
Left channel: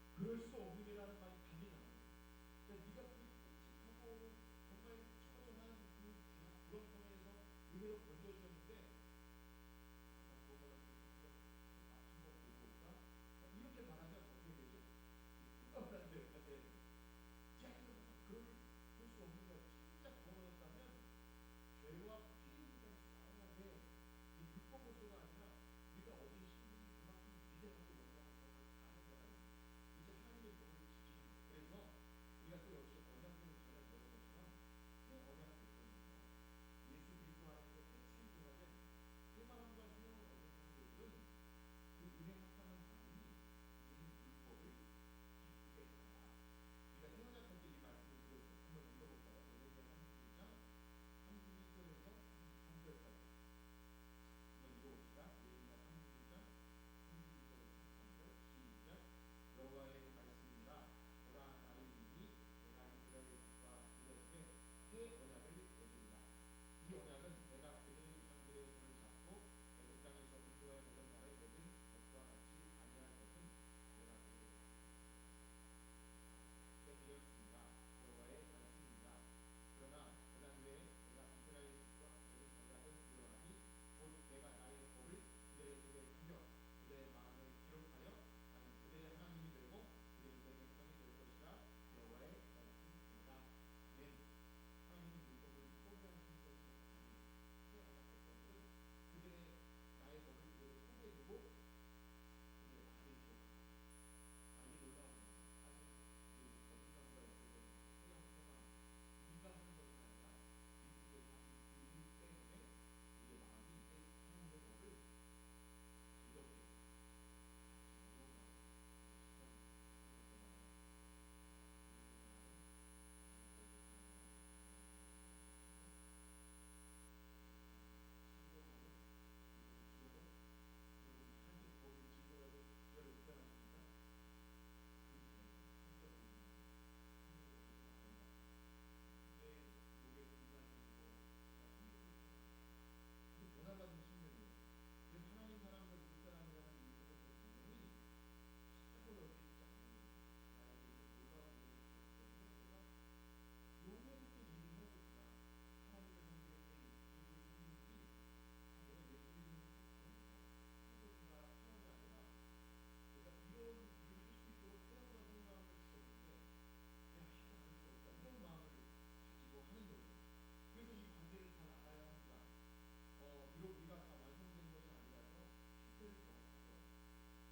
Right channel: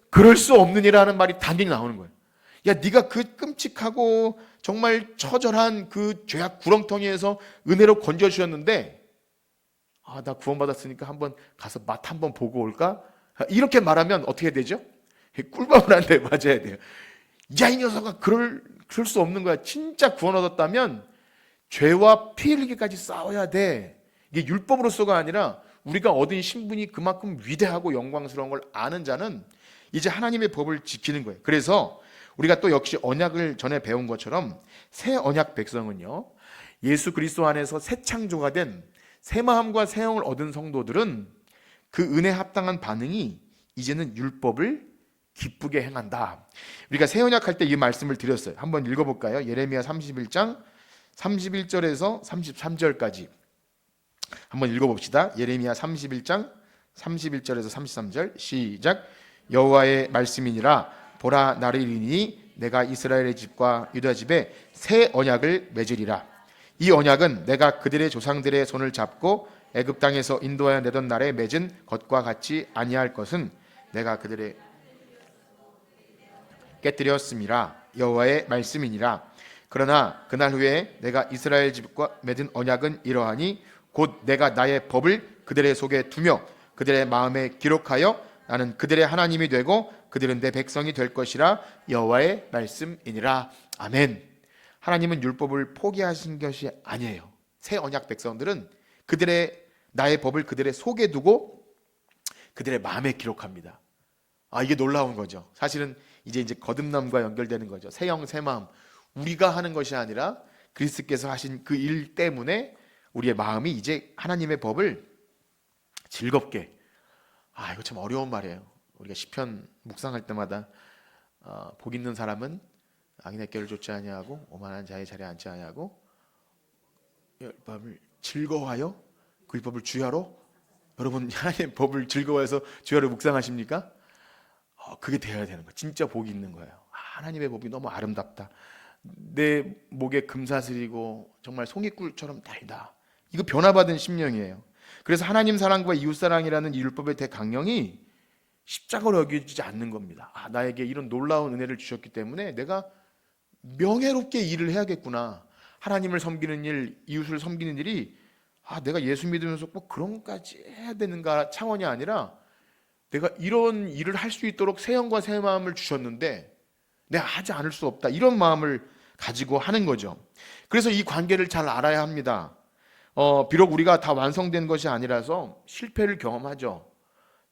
그럴 수 없느니라는 말이 단연히 나오는 거예요. 야, 네가 그 끔찍하고 정말 처절한 그 죄악 구렁텅이에서 은혜로 건져 주셨는데, 나 구원받았으니까 한번 가서 맛 한번 보고 올까? 이렇게 말하면 어떻게 되죠? 꿀밤을 한 대 맞아야 돼요. 야, 이 녀석아, 그럴 수 없는 거야. 진짜 구원 얻었다면 죄와 피 흘리기까지 싸워야 돼. 이게 율법으로서가 아니라 우리가 얻은 신분이 그만큼 위대하고 영광스러운 걸 아는 자는 이제 하나님의 법을 지키는 거예요. 그래서 우리가 또 역시 언약을 전에 배운 것처럼 새 언약 백성은요, 예수 그리스도 안에서 새 창조가 된 새 마음과 새 영을 얻은 성도들은 그 은혜 합당한 반응이 이제는 율법을 기쁘게 행한다. 우리가 새 언약 할 때 이 말씀을 드렸어요. 한번 읽어볼까요? 예레미야 31장 31절에서 33절까지 한번 읽어봅시다. 예레미야 31장 31절에서 33절 시작. 여호와의 말씀이니라. 보라, 나를 이르니 내가 이스라엘의 집과 유다 집에 새 언약을 맺으리라. 이 언약은 내가 그들의 조상들의 손을 잡고 애굽 땅에서 인도하여 내던 날에 맺은 것과 같이 아니할 것은 내가 그들의 깨뜨렸음이라. 여호와의 말씀이니라. 그러나 그날 후에 내가 이스라엘 집과 맺은 언약은 이러하니 곧 내가 나의 법을 그들의 속에 두며 그들의 마음에 기록하여 나는 그들의 하나님이 되고 그들은 내 백성이 될 것이라. 여호와의 말씀이니라. 아멘. 하나님은 율법을 포기하신 것이 아니에요. 새 언약 백성들은 나의 법을 그들의 속에 두고 그들의 마음에 기록합니다. 이게 놀라운 거죠. 사실은 이제 거듭남과 연결되는 거죠. 새 영, 새 마음. 우리가 하는 것이 아니라 그리스도께서 하신 그 일 때문에 우리의 마음이 이제 하나님의 법을 즐겁게. 이거 참 어려운 말이에요. 우리가 시편 묵상할 때마다 복 있는 사람은 악인의 꾀를 쫓지 아니하고 오만한 자의 자리에 앉지 아니하고 율법을 즐거워하여 그 율법을 주야로. 여러분, 하나님의 법을 즐거워해서 주야로 묵상하십니까? 그게 되어야 되는 거예요. 진짜 복이 있는 거예요. 하나님의 법이 너무 아름답다. 내 목에 금사슬이고 정말 송이꿀처럼 달다. 이거 변화받은 심령이에요. 그래서 하나님 사랑과 이웃 사랑이라는 이 율법의 대강령이 십자가로 여겨지지 않는 겁니다. 나에게 이런 놀라운 은혜를 주셨기 때문에 내가 명예롭게 일을 해야겠구나. 하나님을 섬기는 일, 이웃을 섬기는 일이 내가 예수 믿으면서 꼭 그런 것까지 해야 되는가 차원이 아니라 내가 이런 일을 할 수 있도록 새 영과 새 마음을 주셨는데 내가 하지 않을 수 없다. 이런 마음을 가지고 하는 거죠. 그래서 이 관계를 잘 알아야 합니다. 비록 우리가 다 완성된 것이 아니라서 실패를 경험하죠.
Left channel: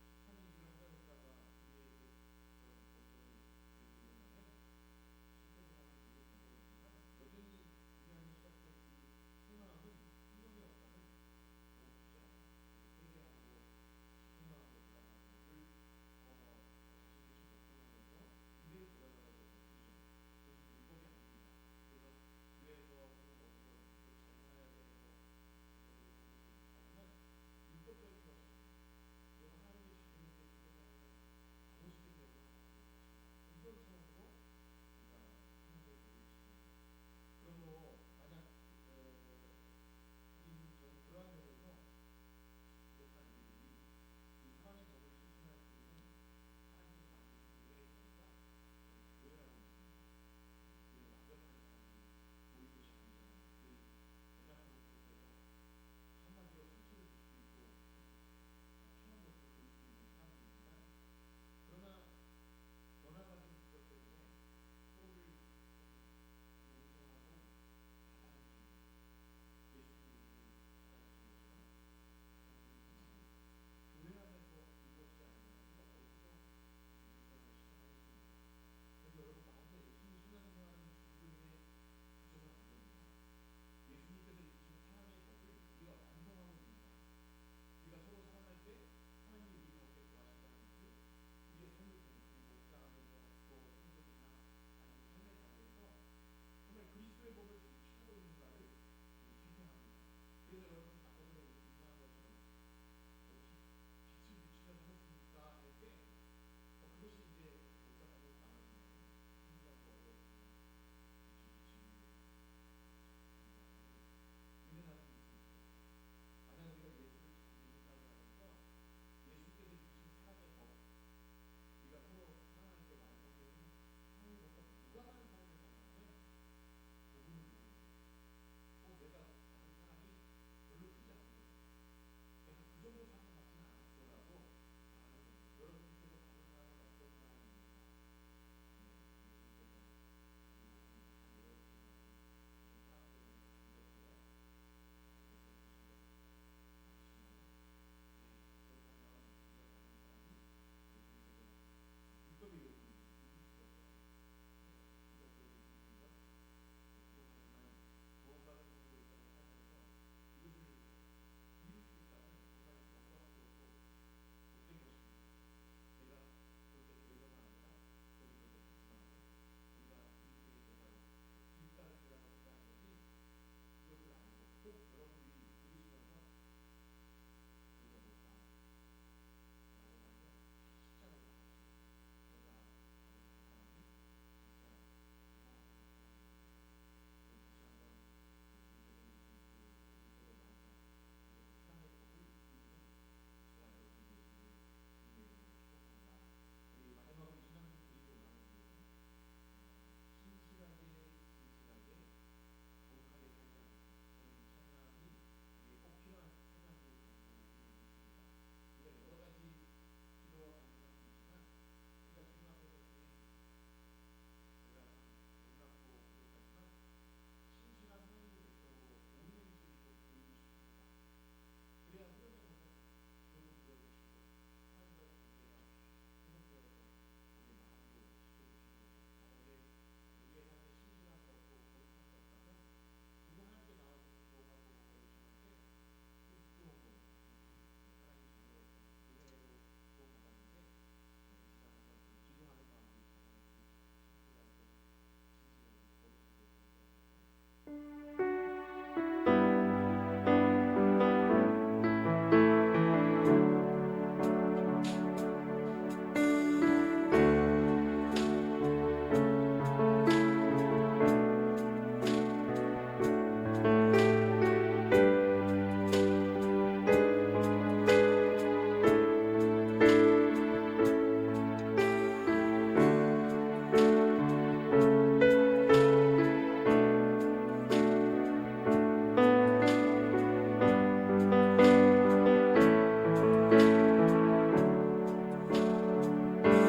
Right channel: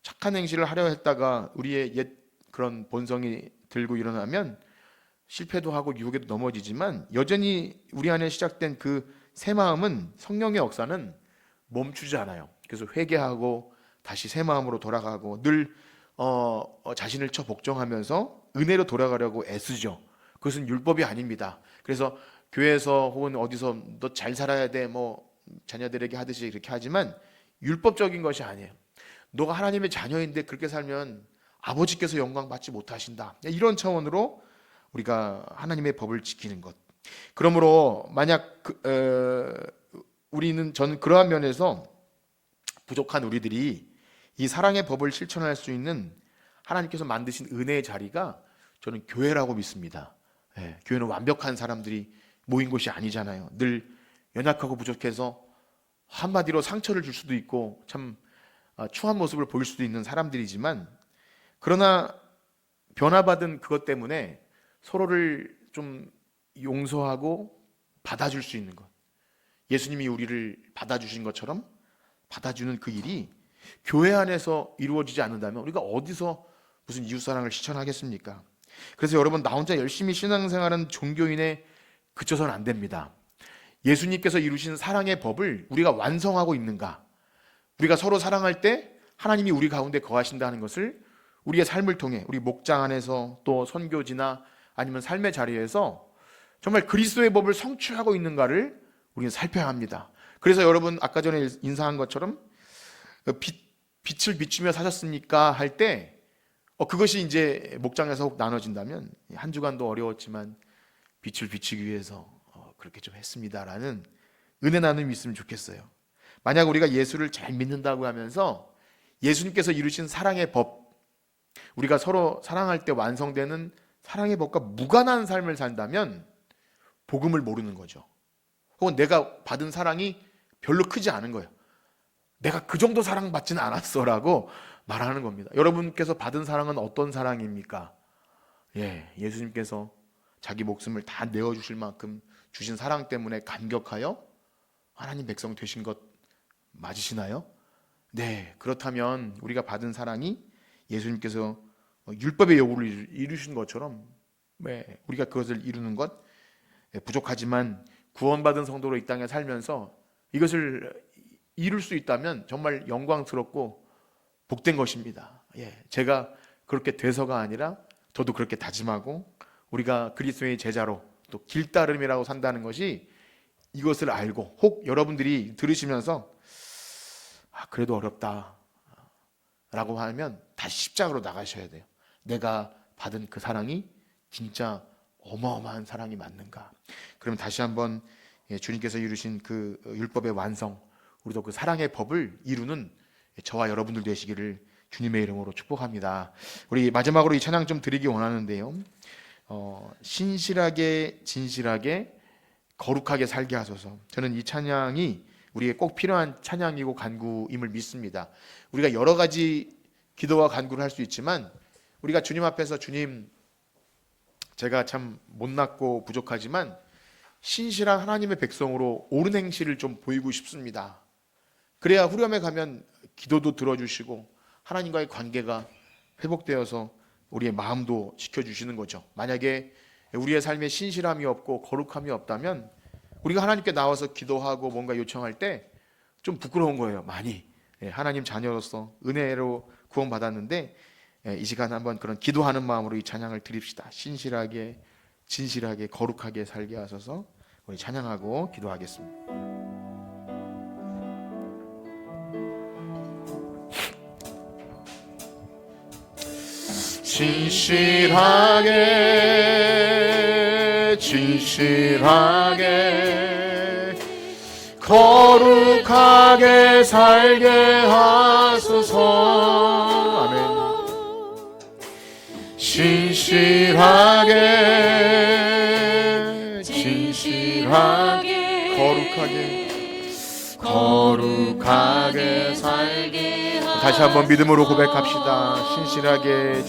착한 행실을 하려 했다가 우리의 옛 그런 본성이 들고 일어나면 실패도 하고 유혹에도 넘어지지만 여전히 우리 안에 시작된 그 새 마음은 성령의 역사는 멈추지 않아요. 그래서 회개하고 다시 새 마음으로 돌아가고 늘 자신을 복종하면서 은혜로 돌아가려고 애쓰죠. 그것은 율법이 아닙니다. 그래서 교회에서 혹은 어디서 너 잘 살아야 돼 뭐 자녀들에게 하듯이 그렇게 하지만 율법적인 것이 아니에요. 너가 하나님의 자녀인데 그렇게 살면 아버지께서 영광 받지 못하신다. 이런 차원으로 우리가 하나님의 법을 지키는 것. 그러므로 만약 저는 그러한 면에서 부족한 우리들이 이 사랑의 법을 실천할 수 있는 하나님께서 만드신 은혜의 자리가 저는 교회라고 믿습니다. 교회는 완벽한 사람들이 모인 곳이 아니잖아요. 늘 연약하고 부족해서 한마디로 상처를 줄 수도 있고 참 추한 모습을 보일 수도 있는 사람들이지만, 그러나 변화받은 그것 때문에 서로를 좀 용서하고 받아줄 수 있는 것, 예수님이 우리를 받아주신 것처럼 받아주는 그 일이 교회 안에서 이루어지지 않는다면 우리가 어디서 무슨 이웃사랑을 실천하겠습니까? 그래서 여러분, 나 혼자 열심히 신앙생활하는 종교인에 그쳐서는 안 됩니다. 예수님께서 이루신 사랑의 법을 우리가 완성하고 있는가? 우리가 서로 사랑할 때 하나님이 우리 가운데 거하신다는 것을 우리의 삶을 통해, 우리 목장 안에서 또 선교지나 아니면 삶의 자리에서 정말 그리스도의 법을 성취하고 있는가를 우리는 살펴야 합니다. 그래서 여러분 아까 전에 인사한 것처럼 빛을 비추며 사셨습니까 할 때 그것이 이제 목장에서 혹 나눠진다면 한 주간도 어려웠지만 빛을 비추기 위해서 그렇게 좀 했습니다라는 은혜 나눔이 있으면 좋겠어요. 만약 우리가 예수를 잘 믿는다고 하면서 예수님께서 이루신 사랑의 법, 우리가 서로 사랑할 때 완성되는 사랑의 법과 무관한 삶을 산다면 복음을 모르는 거죠. 혹은 내가 받은 사랑이 별로 크지 않은 거예요. 내가 그 정도 사랑받지는 않았어라고 말하는 겁니다. 여러분께서 받은 사랑은 어떤 사랑입니까? 예수님께서 자기 목숨을 다 내어주실 만큼 주신 사랑 때문에 감격하여 하나님 백성 되신 것 맞으시나요? 네, 그렇다면 우리가 받은 사랑이 예수님께서 율법의 요구를 이루신 것처럼 우리가 그것을 이루는 것 부족하지만 구원받은 성도로 이 땅에 살면서 이것을 이룰 수 있다면 정말 영광스럽고 복된 것입니다. 제가 그렇게 돼서가 아니라 저도 그렇게 다짐하고 우리가 그리스도의 제자로 또 길따름이라고 산다는 것이 이것을 알고 혹 여러분들이 들으시면서 그래도 어렵다 라고 하면 다시 십자가로 나가셔야 돼요. 내가 받은 그 사랑이 진짜 어마어마한 사랑이 맞는가? 그럼 다시 한번 주님께서 이루신 그 율법의 완성, 우리도 그 사랑의 법을 이루는 저와 여러분들 되시기를 주님의 이름으로 축복합니다. 우리 마지막으로 이 찬양 좀 드리기 원하는데요. 신실하게 진실하게 거룩하게 살게 하소서. 저는 이 찬양이 우리에게 꼭 필요한 찬양이고 간구임을 믿습니다. 우리가 여러 가지 기도와 간구를 할 수 있지만 우리가 주님 앞에서 주님, 제가 참 못났고 부족하지만 신실한 하나님의 백성으로 옳은 행실을 좀 보이고 싶습니다. 그래야 후렴에 가면 기도도 들어주시고 하나님과의 관계가 회복되어서 우리의 마음도 지켜주시는 거죠. 만약에 우리의 삶에 신실함이 없고 거룩함이 없다면 우리가 하나님께 나와서 기도하고 뭔가 요청할 때 좀 부끄러운 거예요. 많이. 하나님 자녀로서 은혜로 구원받았는데 이 시간 한번 그런 기도하는 마음으로 이 찬양을 드립시다. 신실하게 진실하게 거룩하게 살게 하소서. 우리 찬양하고 기도하겠습니다. 진실하게 거룩하게 살게 하소서. 아멘. 진실하게 거룩하게 살게 하소서. 다시 한번 믿음으로 고백합시다. 진실하게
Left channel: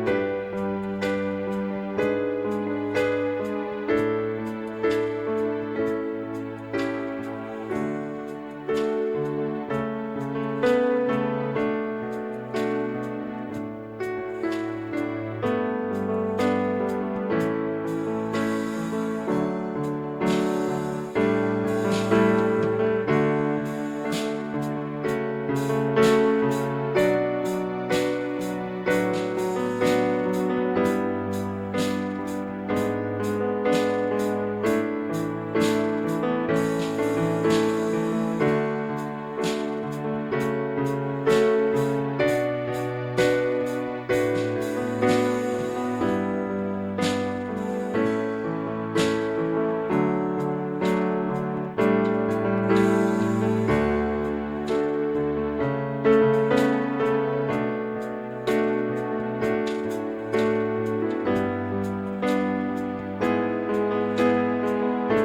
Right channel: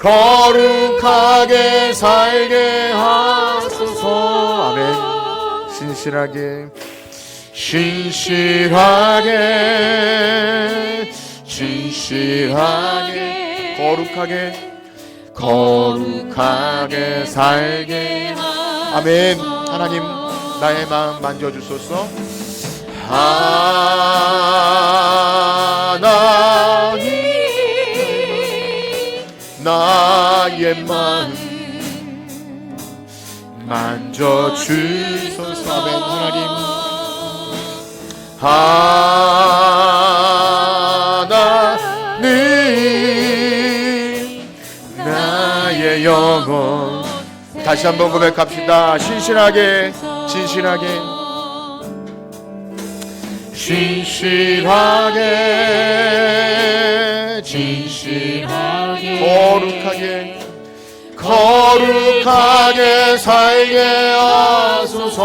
거룩하게 살게 하소서. 아멘. 진실하게 거룩하게 살게 하소서. 아멘. 하나님 나의 마음 만져주소서. 하나님 나의 마음 만져주소서. 아멘. 하나님 나의 영혼. 다시 한번 고백합시다. 신실하게 거룩하게 살게 하소서.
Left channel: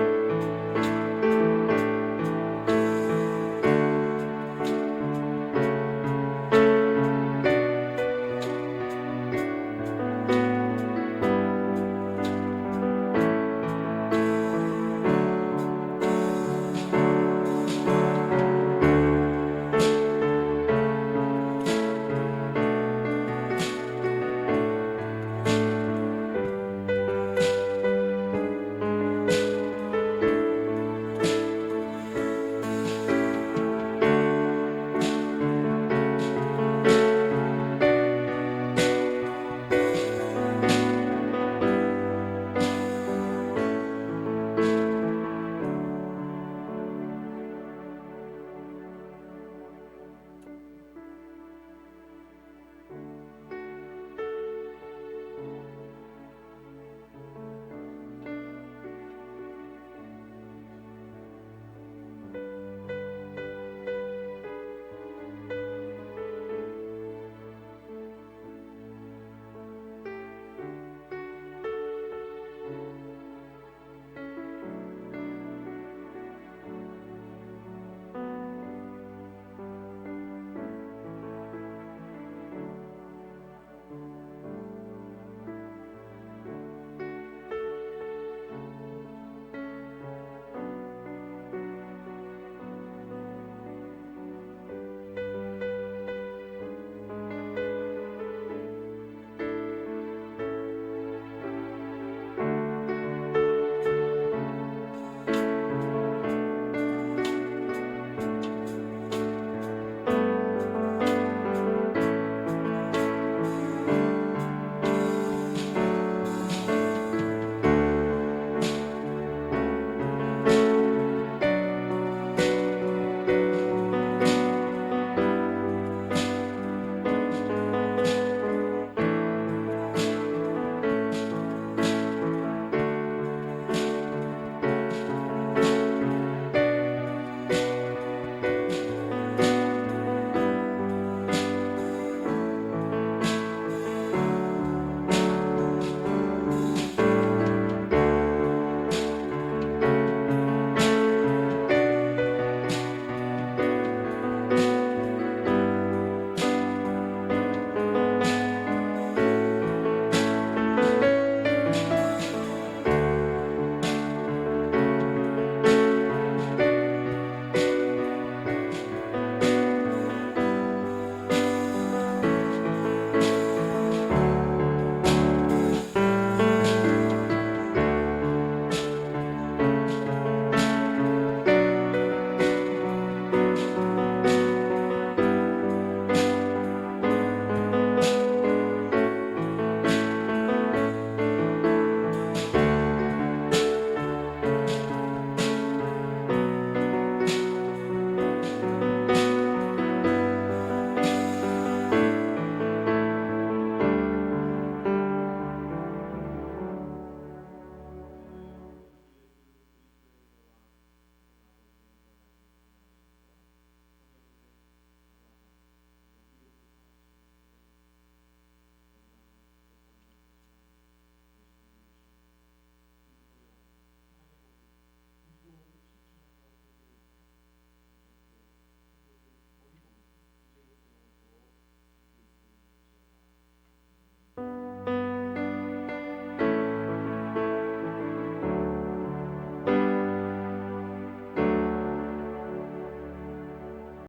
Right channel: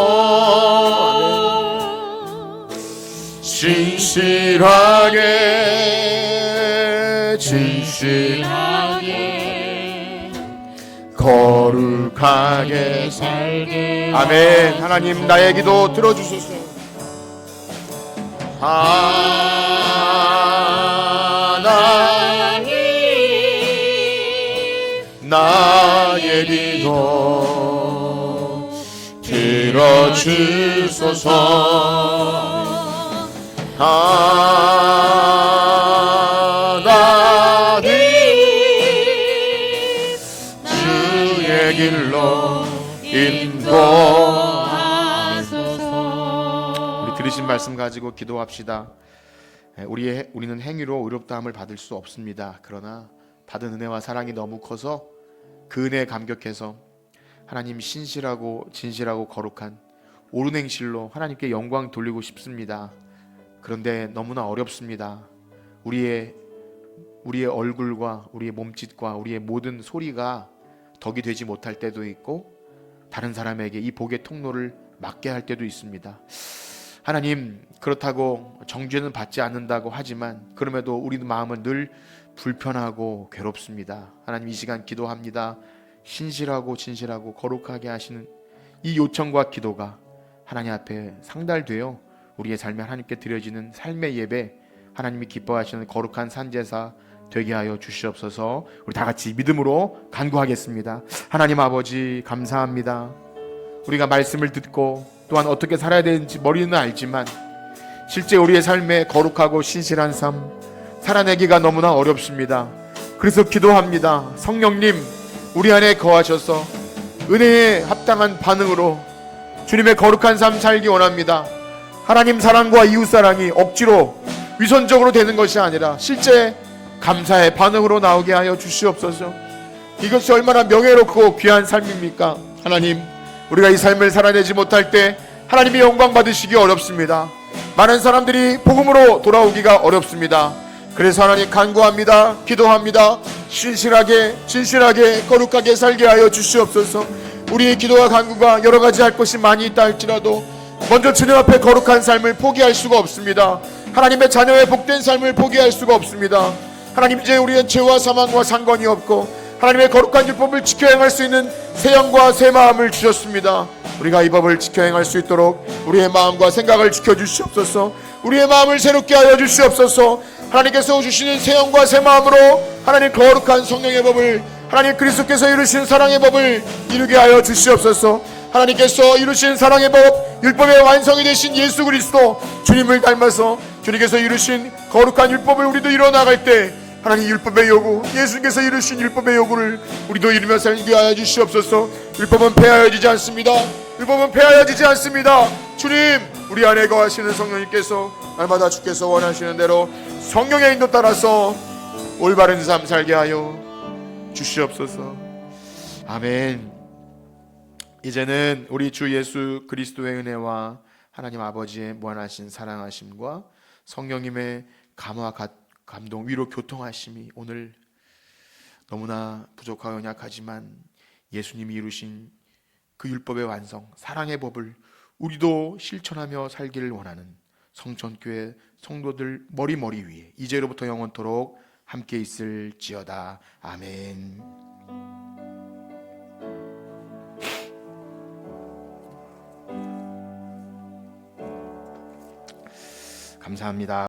진실하게 거룩하게 살게. 아멘. 하나님 나의 기도 들어주소서. 하나님 나의 기도 들어주소서. 들으신 말씀 가지고 기도합시다. 우리는 행위로 의롭다함을 받을 수 없습니다. 그러나 받은 은혜와 사랑이 너무 커서 그 은혜에 감격해서 하나님 신실하고 진실하고 거룩한 옳은 행실로 하나님께 영광 돌리고 싶습니다. 그런데 너무나 어렵습니다. 우리의 얼굴과 우리의 몸짓과 우리의 모든 소리가 덕이 되지 못할 때도 있고 다른 사람에게 이 복의 통로를 막게 할 때도 있습니다. 하나님, 그렇다고 정죄는 받지 않는다고 하지만 그럼에도 우리 마음은 늘 불편하고 괴롭습니다. 하나님, 이 시간 기도합니다. 신실하고 진실하고 거룩하게 하시는 이 요청과 기도가 하나님 앞에 상달되어 우리의 삶에 하나님께 드려지는 삶의 예배, 하나님이 기뻐하시는 거룩한 산제사 되게 하여 주시옵소서. 우리 다 같이 믿음으로 간구하겠습니다. 하나님 아버지, 감사합니다. 우리가 말씀을 듣고 또한 어떻게 살아야 되는지 머리는 알지만 실제 우리의 삶에 거룩하고 신실한 삶 살아내기가 너무나 어렵습니다. 그래서 기도합니다. 성령님, 우리 안에 거하셔서 은혜에 합당한 반응으로 주님의 거룩한 삶 살기 원합니다. 하나님 사랑과 이웃 사랑이 억지로 위선적으로 되는 것이 아니라 실제 감사의 반응으로 나오게 하여 주시옵소서. 이것이 얼마나 명예롭고 귀한 삶입니까? 하나님, 우리가 이 삶을 살아내지 못할 때 하나님이 영광 받으시기 어렵습니다. 많은 사람들이 복음으로 돌아오기가 어렵습니다. 그래서 하나님 간구합니다. 기도합니다. 신실하게 진실하게 거룩하게 살게 하여 주시옵소서. 우리의 기도와 간구가 여러 가지 할 것이 많이 있다 할지라도 먼저 주님 앞에 거룩한 삶을 포기할 수가 없습니다. 하나님의 자녀의 복된 삶을 포기할 수가 없습니다. 하나님, 이제 우리의 죄와 사망과 상관이 없고 하나님의 거룩한 율법을 지켜 행할 수 있는 새 영과 새 마음을 주셨습니다. 우리가 이 법을 지켜 행할 수 있도록 우리의 마음과 생각을 지켜주시옵소서. 우리의 마음을 새롭게 하여 주시옵소서. 하나님께서 주시는 새 영과 새 마음으로 하나님 거룩한 성령의 법을, 하나님 그리스도께서 이루신 사랑의 법을 이루게 하여 주시옵소서. 하나님께서 이루신 사랑의 법, 율법의 완성이 되신 예수 그리스도 주님을 닮아서 주님께서 이루신 거룩한 율법을 우리도 이뤄나갈 때 하나님 율법의 요구, 예수님께서 이루신 율법의 요구를 우리도 이루며 살게 하여 주시옵소서. 율법은 폐하여지지 않습니다. 율법은 폐하여지지 않습니다. 주님, 우리 안에 거하시는 성령님께서 날마다 주께서 원하시는 대로 성령의 인도 따라서 올바른 삶 살게 하여 주시옵소서. 아멘. 이제는 우리 주 예수 그리스도의 은혜와 하나님 아버지의 무한하신 사랑하심과 성령님의 감화 감동 위로 교통하심이 오늘 너무나 부족하고 연약하지만 예수님이 이루신 그 율법의 완성, 사랑의 법을 우리도 실천하며 살기를 원하는 성천교회 성도들 머리 위에 이제로부터 영원토록 함께 있을지어다. 아멘. 감사합니다.